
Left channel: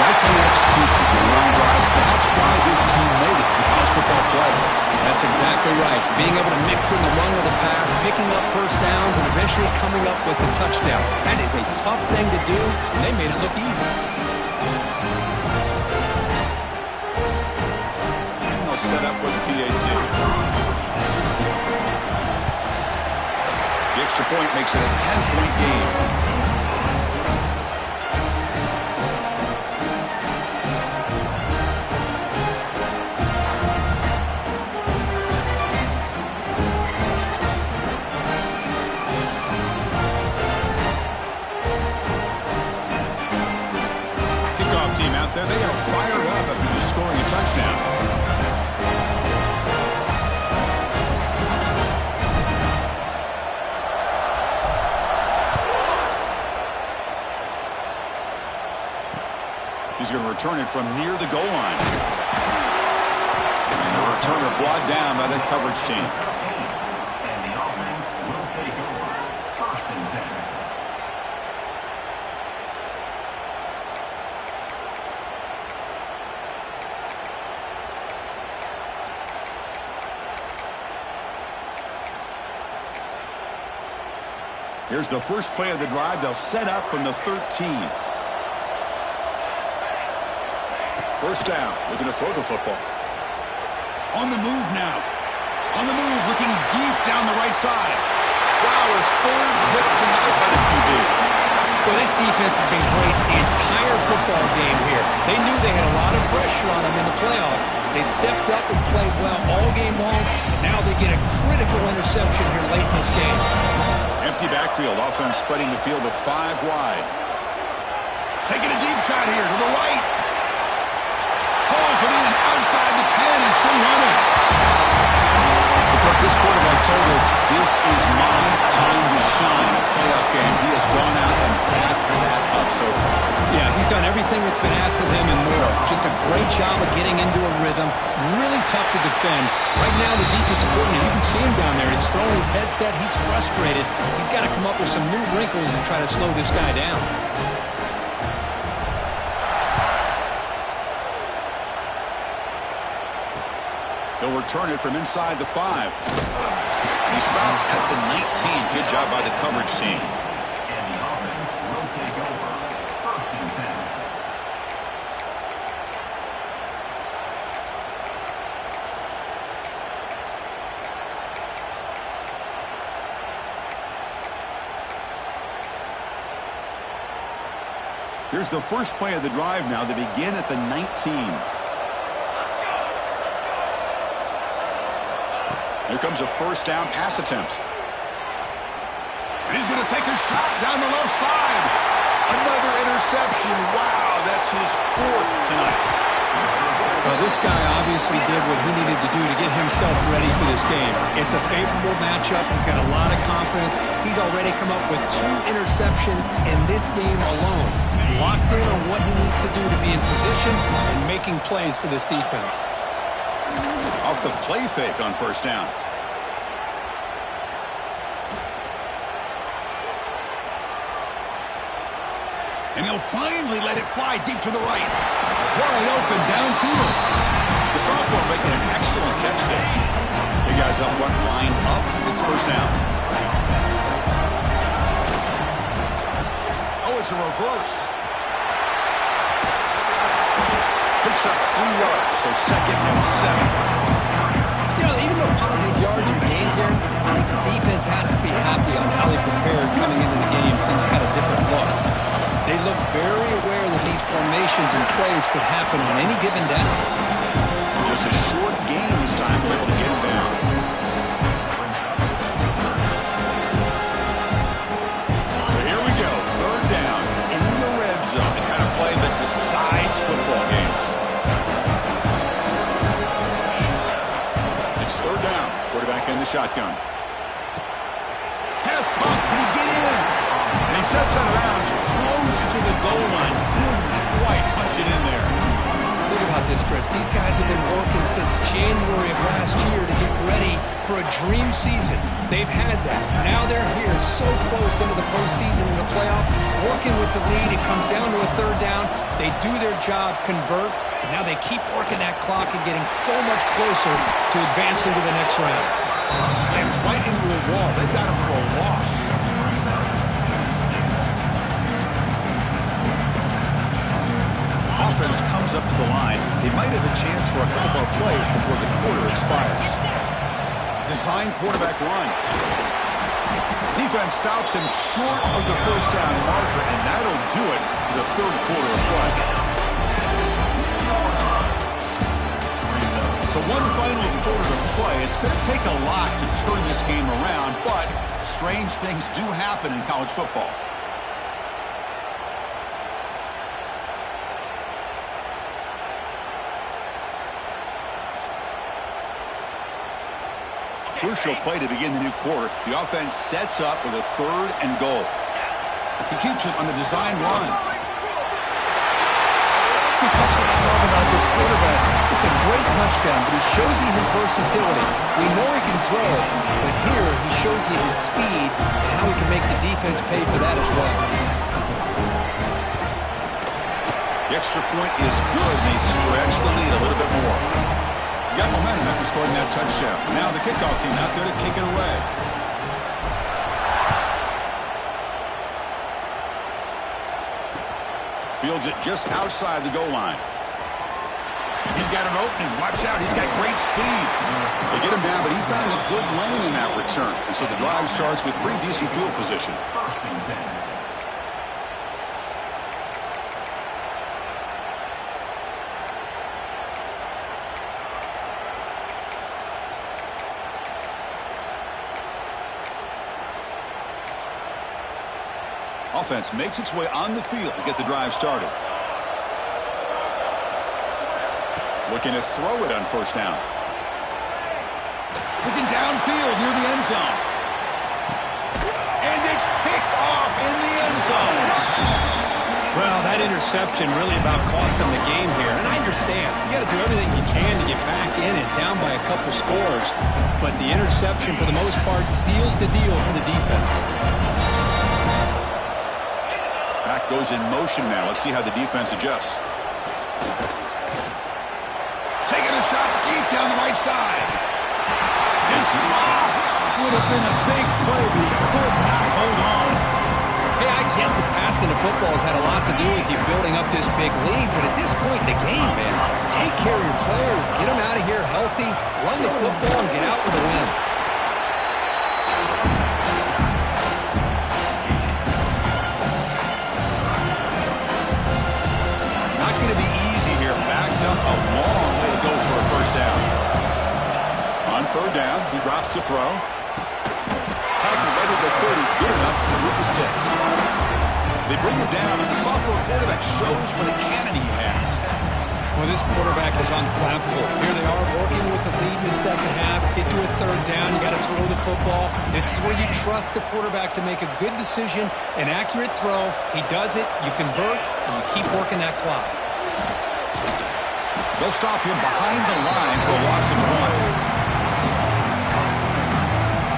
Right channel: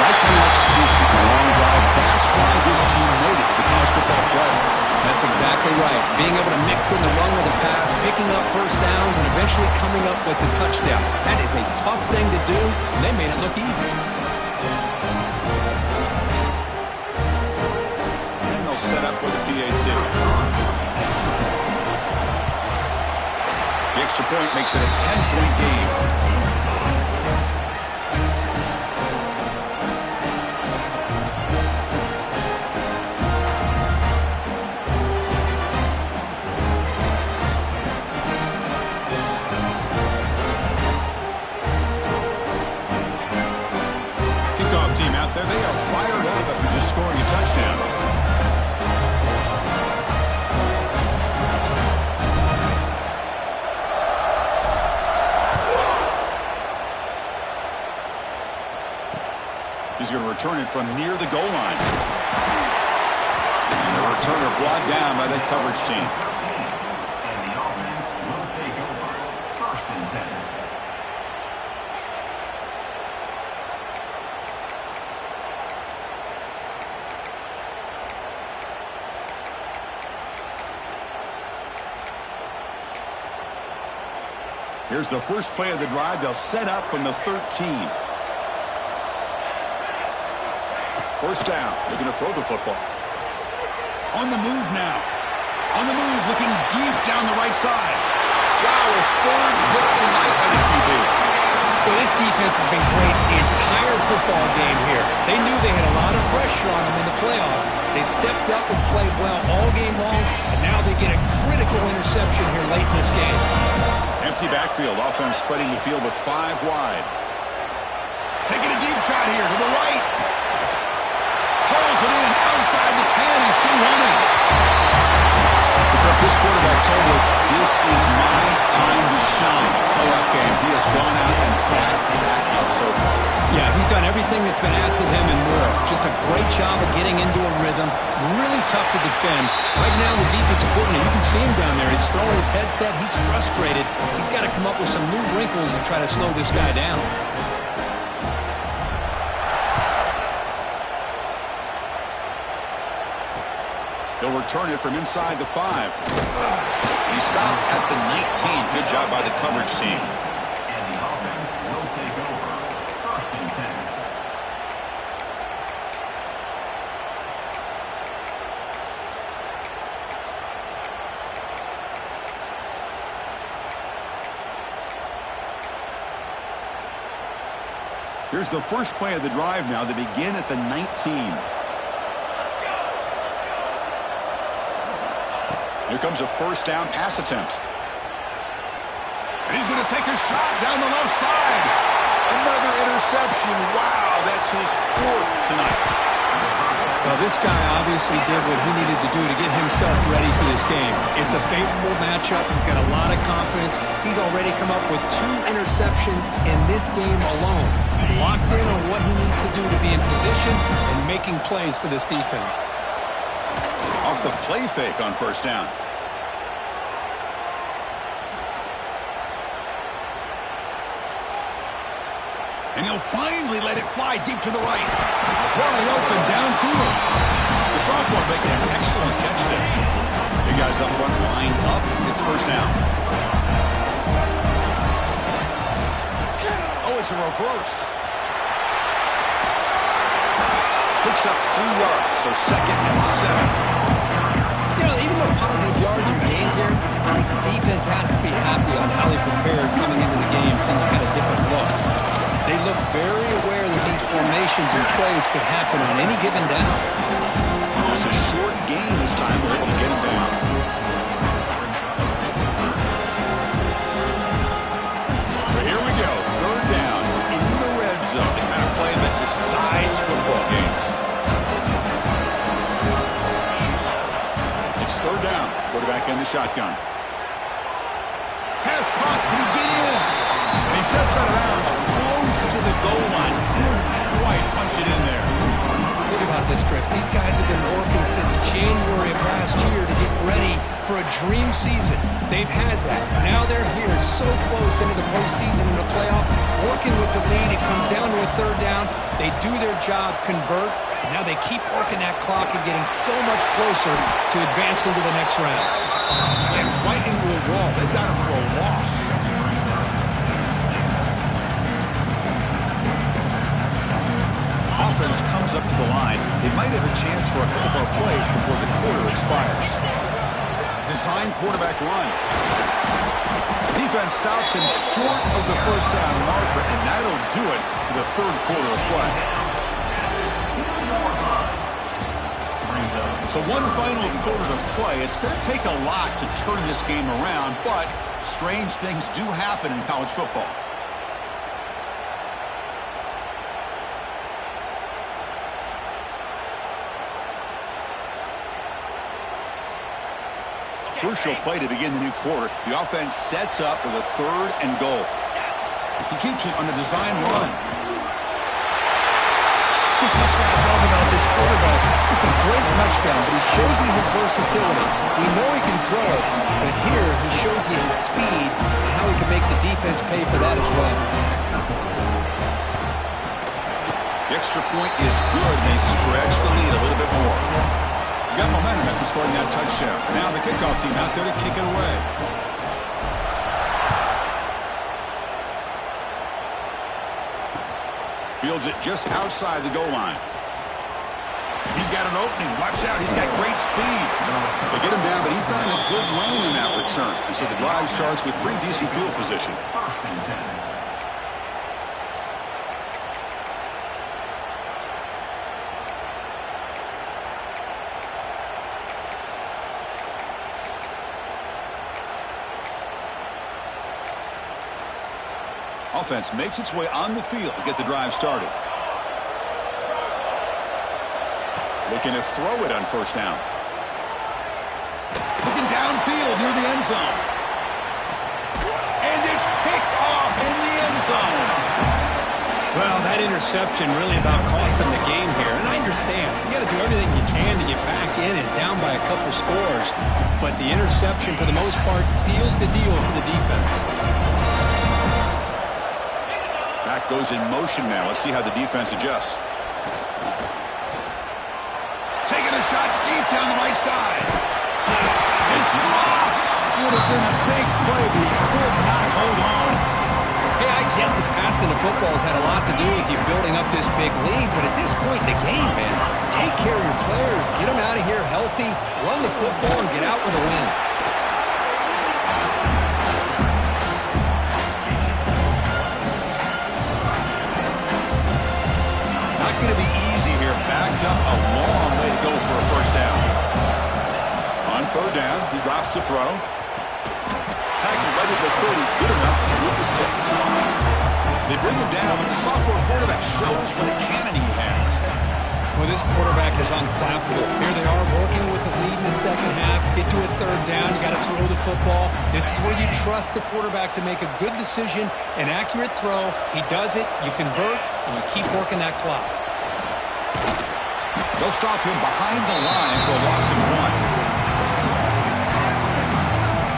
That kind of execution in a long drive, that's why this team made it to the college football playoff. That's exactly right. Being able to mix in the run with the pass, picking up first downs, and eventually coming up with the touchdown. That is a tough thing to do, and they made it look easy. And they'll set up with a PAT. The extra point makes it a 10-point game. Kickoff team out there, they are fired up after just scoring a touchdown. He's going to return it from near the goal line. And the returner brought down by that coverage team. And the offense will take over. First and 10. Here's the first play of the drive. They'll set up from the 13. First down, looking to throw the football. On the move now. On the move, looking deep down the right side. Wow, a third hit tonight by the QB. Well, this defense has been great the entire football game here. They knew they had a lot of pressure on them in the playoff. They stepped up and played well all game long, and now they get a critical interception here late in this game. Empty backfield, offense spreading the field with 5 wide. Taking a deep shot here to the right. Pulls it in outside the 10. He's still running. The This quarterback told us this is my time to shine, a playoff game. He has gone out and backed that up so far. Yeah, he's done everything that's been asked of him and more. Just a great job of getting into a rhythm. Really tough to defend. Right now, the defensive coordinator, you can see him down there. He's throwing his headset. He's frustrated. He's got to come up with some new wrinkles to try to slow this guy down. He'll return it from inside the 5. He stopped at the 19. Good job by the coverage team. And the offense will take over. First and 10. Here's the first play of the drive now. They begin at the 19. Here comes a first down pass attempt. And he's going to take a shot down the left side. Another interception. Wow, that's his 4th tonight. Well, this guy obviously did what he needed to do to get himself ready for this game. It's a favorable matchup. He's got a lot of confidence. He's already come up with 2 interceptions in this game alone. Locked in on what he needs to do to be in position and making plays for this defense. Off the play fake on first down. And he'll finally let it fly deep to the right. Wide open downfield. The sophomore making an excellent catch there. Big guys up front lined up. It's first down. Oh, it's a reverse. Picks up 3 yards, so 2nd and 7. You know, even though positive yards are gained here, I think the defense has to be happy on how they prepared coming into the game for these kind of different looks. They looked very aware that these formations and plays could happen on any given down. Just a short gain this time. They're able to get him down. So here we go. 3rd down in the red zone. The kind of play that decides football games. It's 3rd down. Quarterback in the shotgun. Pass bump. Can he get in? And he steps out of bounds close to the goal line. Couldn't quite punch it in there. Think about this, Chris. These guys have been working since January of last year to get ready for a dream season. They've had that. Now they're here so close into the postseason and the playoff, working with the lead. It comes down to a 3rd down. They do their job, convert, and now they keep working that clock and getting so much closer to advancing to the next round. Slams right into a wall. They've got him for a loss. Offense comes up to the line. They might have a chance for a couple more plays before the quarter expires. Design quarterback run. Defense stops him short of the first down marker, and that'll do it for the 3rd quarter of play. So one final quarter to play. It's going to take a lot to turn this game around, but strange things do happen in college football. Crucial play to begin the new quarter. The offense sets up with a 3rd and goal. He keeps it on the design run. Chris, that's what I love about this quarterback. It's a great touchdown, but he shows you his versatility. We know he can throw it, but here he shows you his speed and how he can make the defense pay for that as well. The extra point is good, and they stretch the lead a little bit more. You got momentum after scoring that touchdown. Now the kickoff team out there to kick it away. Fields it just outside the goal line. He's got an opening. Watch out. He's got great speed. They get him down, but he found a good lane in that return. And so the drive starts with pretty decent field position. First and 10. Offense makes its way on the field to get the drive started. Looking to throw it on first down. Looking downfield near the end zone. And it's picked off in the end zone. Well, that interception really about cost them the game here. And I understand. You got to do everything you can to get back in and down by a couple scores. But the interception, for the most part, seals the deal for the defense. Back goes in motion now. Let's see how the defense adjusts. Taking a shot deep down the right side. It's dropped. Would have been a big play, but he could not hold on. Hey, I get that passing the football has had a lot to do with you building up this big lead, but at this point in the game, man, take care of your players, get them out of here healthy, run the football, and get out with a win. Not going to be easy here. Backed up a long way to go for a first down. On third down, he drops to throw. Tackle right at the 30, good enough to move the sticks. They bring him down, but the sophomore quarterback shows what a cannon he has. Well, this quarterback is unflappable. Here they are working with the lead in the second half. Get to a third down, you got to throw the football. This is where you trust the quarterback to make a good decision, an accurate throw. He does it, you convert, and you keep working that clock. They'll stop him behind the line for a loss of 1.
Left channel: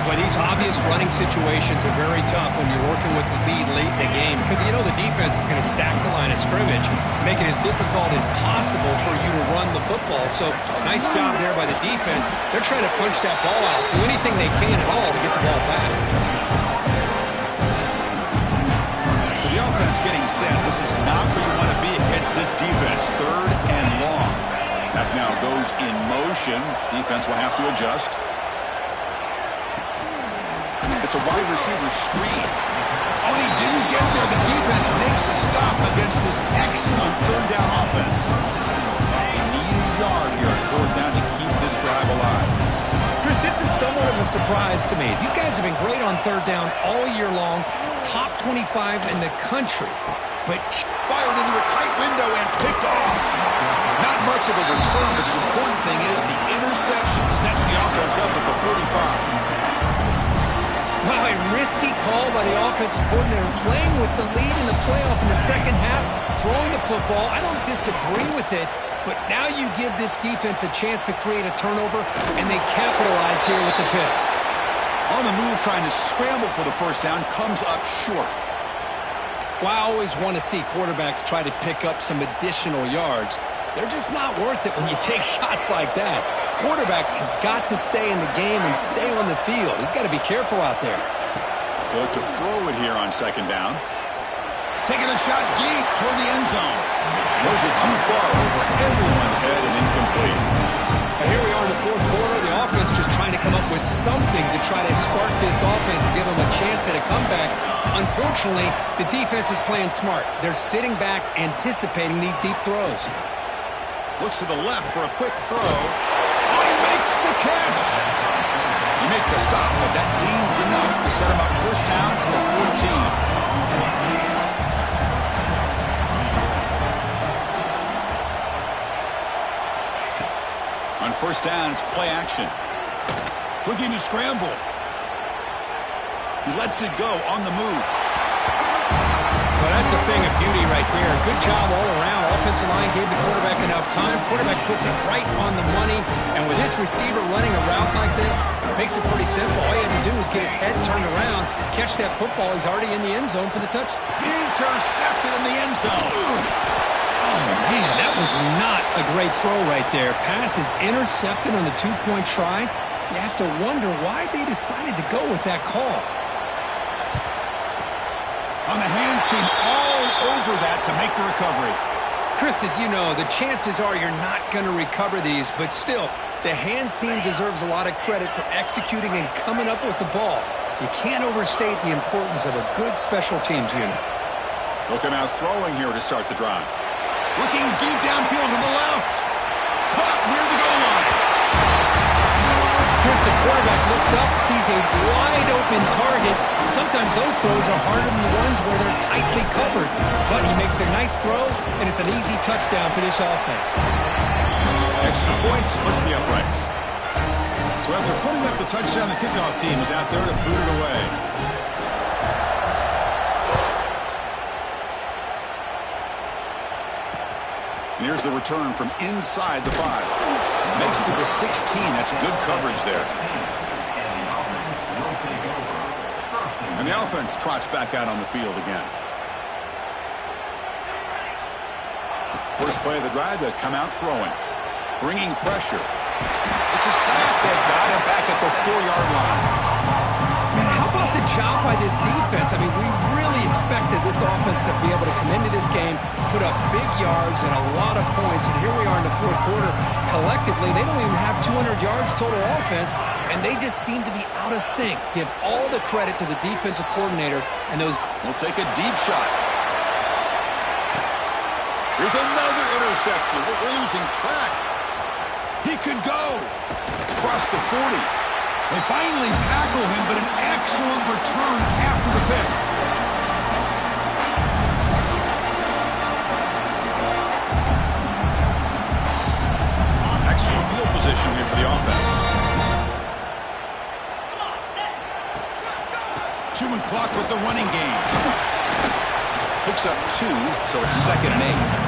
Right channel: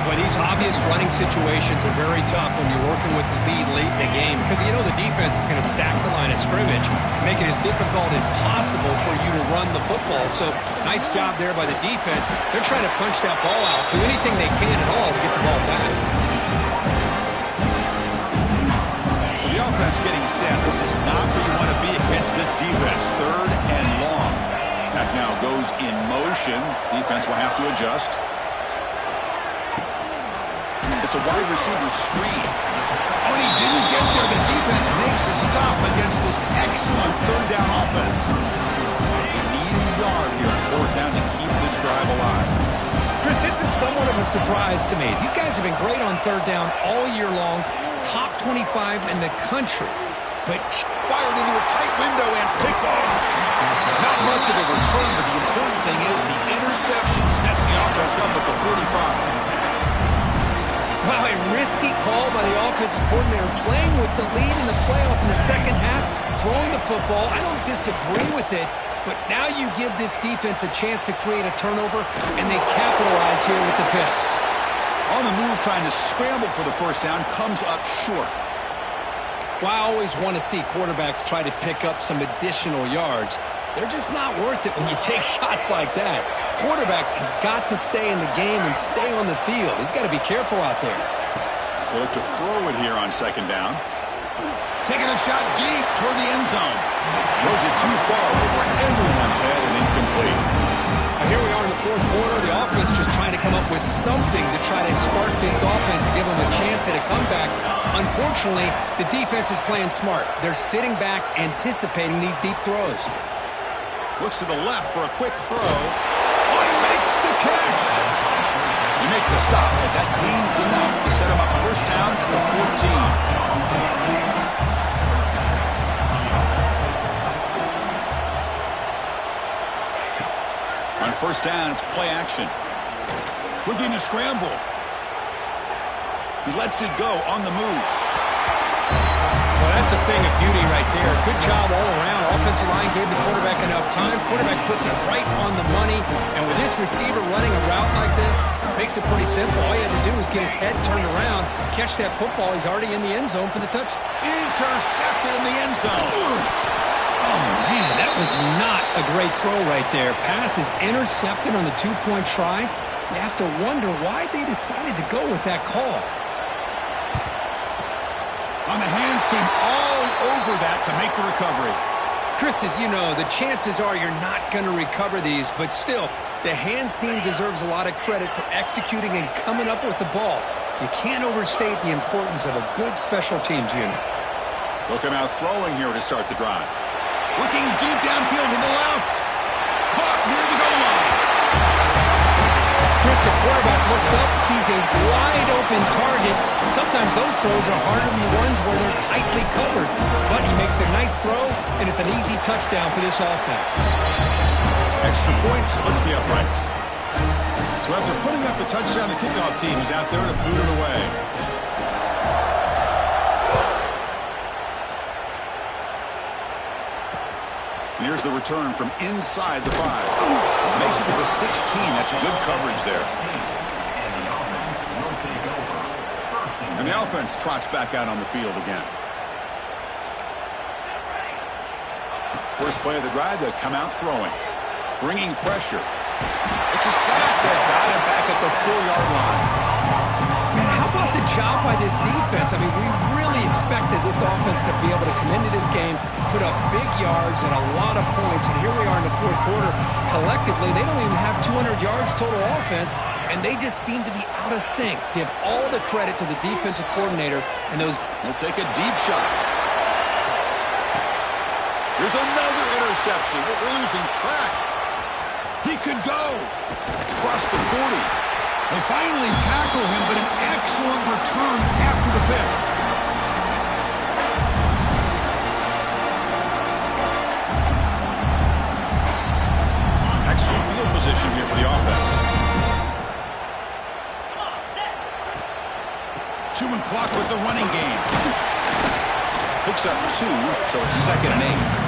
But these obvious running situations are very tough when you're working with the lead late in the game because you know the defense is going to stack the line of scrimmage, make it as difficult as possible for you to run the football. So nice job there by the defense. They're trying to punch that ball out, do anything they can at all to get the ball back. So the offense getting set. This is not where you want to be against this defense. Third and long. Back now goes in motion. Defense will have to adjust. It's a wide receiver screen. Oh, and he didn't get there. The defense makes a stop against this excellent third down offense. They need a yard here on fourth down to keep this drive alive. Chris, this is somewhat of a surprise to me. These guys have been great on third down all year long, top 25 in the country. But fired into a tight window and picked off. Not much of a return, but the important thing is the interception sets the offense up at the 45. Wow, a risky call by the offensive coordinator, playing with the lead in the playoff in the second half, throwing the football. I don't disagree with it, but now you give this defense a chance to create a turnover, and they capitalize here with the pick. On the move, trying to scramble for the first down, comes up short. Well, I always want to see quarterbacks try to pick up some additional yards. They're just not worth it when you take shots like that. Quarterbacks have got to stay in the game and stay on the field. He's got to be careful out there. They look to throw it here on second down. Taking a shot deep toward the end zone. Throws it too far over everyone's head and incomplete. Now here we are in the fourth quarter. The offense just trying to come up with something to try to spark this offense, give them a chance at a comeback. Unfortunately, the defense is playing smart. They're sitting back, anticipating these deep throws. Looks to the left for a quick throw. Oh, he makes the catch. He make the stop, but that gains enough to set him up first down at the 14. On first down, it's play action. Looking to scramble. He lets it go on the move. Well, that's a thing of beauty right there. Good job all around. Offensive line gave the quarterback enough time. Quarterback puts it right on the money. And with this receiver running a route like this, makes it pretty simple. All he had to do was get his head turned around, catch that football. He's already in the end zone for the touchdown. Intercepted in the end zone. Oh, man, that was not a great throw right there. Pass is intercepted on the two-point try. You have to wonder why they decided to go with that call. On the hands team all over that to make the recovery. Chris, as you know, the chances are you're not going to recover these, but still, the hands team deserves a lot of credit for executing and coming up with the ball. You can't overstate the importance of a good special teams unit. They'll come out throwing here to start the drive. Looking deep downfield to the left. Caught near the goal line. Chris, the quarterback looks up, sees a wide-open target. Sometimes those throws are harder than the ones where they're tightly covered. But he makes a nice throw, and it's an easy touchdown for this offense. Extra point splits the uprights. So after putting up a touchdown, the kickoff team is out there to boot it away. And here's the return from inside the 5. Makes it to the 16. That's good coverage there. And the offense trots back out on the field again. First play of the drive, they come out throwing. Bringing pressure. It's a sack. They've got him back at the 4-yard line. Man, how about the job by this defense? I mean, we really expected this offense to be able to come into this game, put up big yards and a lot of points, and here we are in the fourth quarter. Collectively, they don't even have 200 yards total offense, and they just seem to be out of sync. Give all the credit to the defensive coordinator and those. We'll take a deep shot. Here's another interception. We're losing track. He could go across the 40. They finally tackle him, but an excellent return after the pick. Excellent field position here for the offense. Chewing clock with the running game. Picks up 2, so it's 2nd and 8.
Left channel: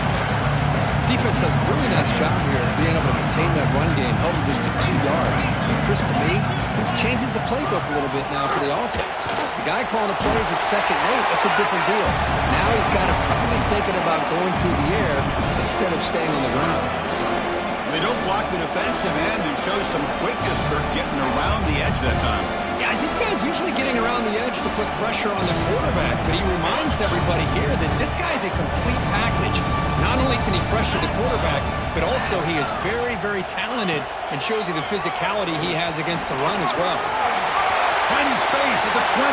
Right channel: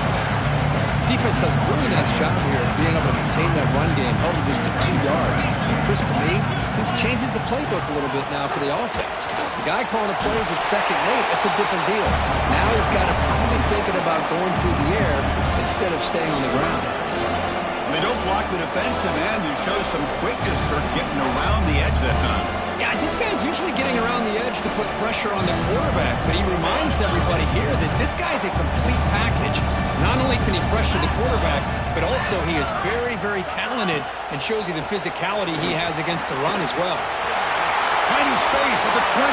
Defense does a really nice job here of being able to contain that run game, held him just to 2 yards. Chris, to me, this changes the playbook a little bit now for the offense. The guy calling the plays at 2nd and 8, that's a different deal. Now he's got to probably thinking about going through the air instead of staying on the ground. Well, they don't block the defensive end, who shows some quickness, Kirk, getting around the edge that time. Yeah, this guy's usually getting around the edge to put pressure on the quarterback, but he reminds everybody here that this guy's a complete package. Not only can he pressure the quarterback, but also he is very, very talented and shows you the physicality he has against the run as well. Finding space at the 20.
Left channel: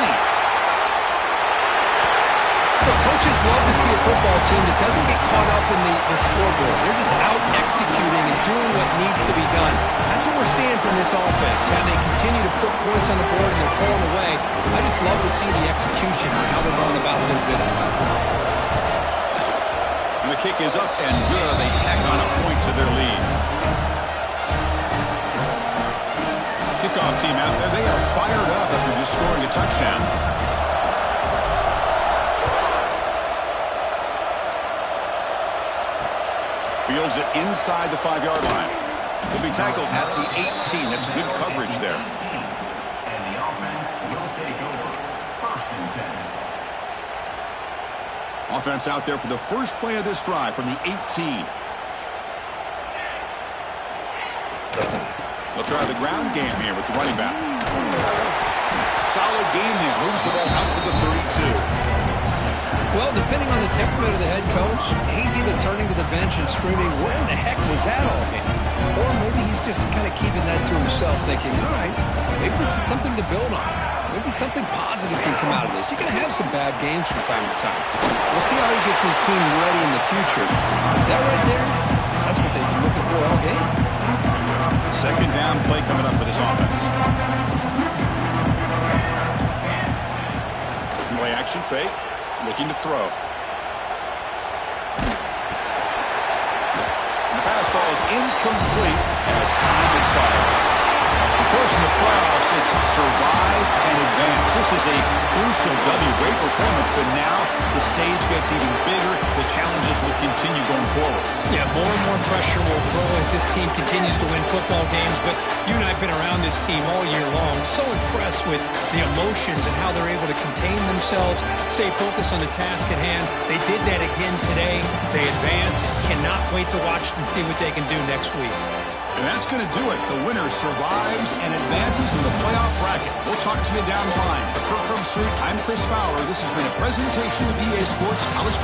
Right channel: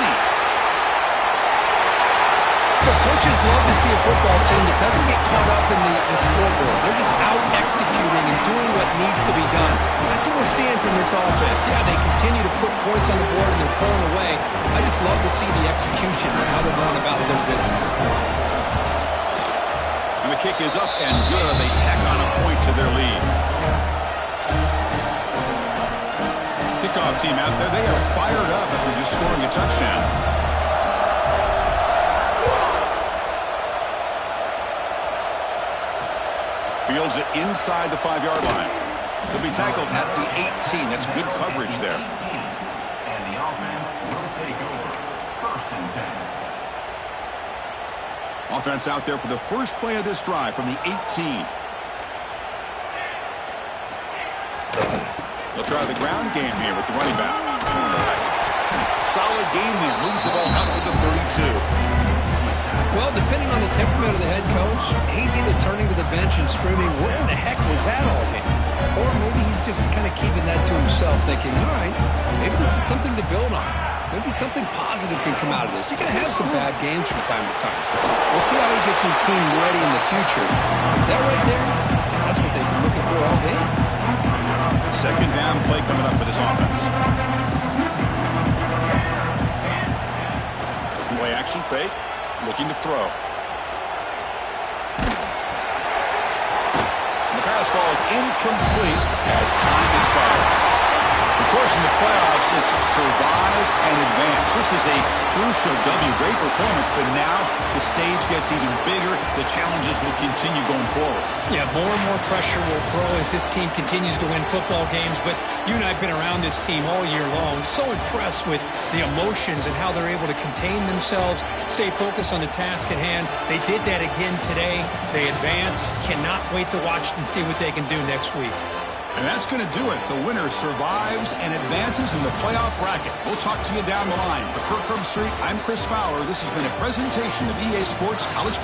The coaches love to see a football team that doesn't get caught up in the scoreboard. They're just out executing and doing what needs to be done. That's what we're seeing from this offense. Yeah, they continue to put points on the board and they're pulling away. I just love to see the execution and how they're going about their business. And the kick is up and good. They tack on a point to their lead. Kickoff team out there. They are fired up after just scoring a touchdown. Fields it inside the 5-yard line. He'll be tackled at the 18. That's good coverage there. And the offense will take over. 1st and 10. Offense out there for the first play of this drive from the 18. They'll try the ground game here with the running back. Solid gain there. Moves the ball out with the 32. Well, depending on the temperament of the head coach, he's either turning to the bench and screaming, where the heck was that all game? Or maybe he's just kind of keeping that to himself, thinking, all right, maybe this is something to build on. Maybe something positive can come out of this. You're going to have some bad games from time to time. We'll see how he gets his team ready in the future. That right there, that's what they've been looking for all game. 2nd down play coming up for this offense. Play action fake. Looking to throw. And the pass falls incomplete as time expires. Of course, in the playoffs, it's survive and advance. This is a crucial W. Great performance, but now the stage gets even bigger. The challenges will continue going forward. Yeah, more and more pressure will grow as this team continues to win football games. But you and I have been around this team all year long. So impressed with the emotions and how they're able to contain themselves, stay focused on the task at hand. They did that again today. They advance. Cannot wait to watch and see what they can do next week. And that's going to do it. The winner survives and advances in the playoff bracket. We'll talk to you down the line. For Kirk Street, I'm Chris Fowler. This has been a presentation of EA Sports College Football.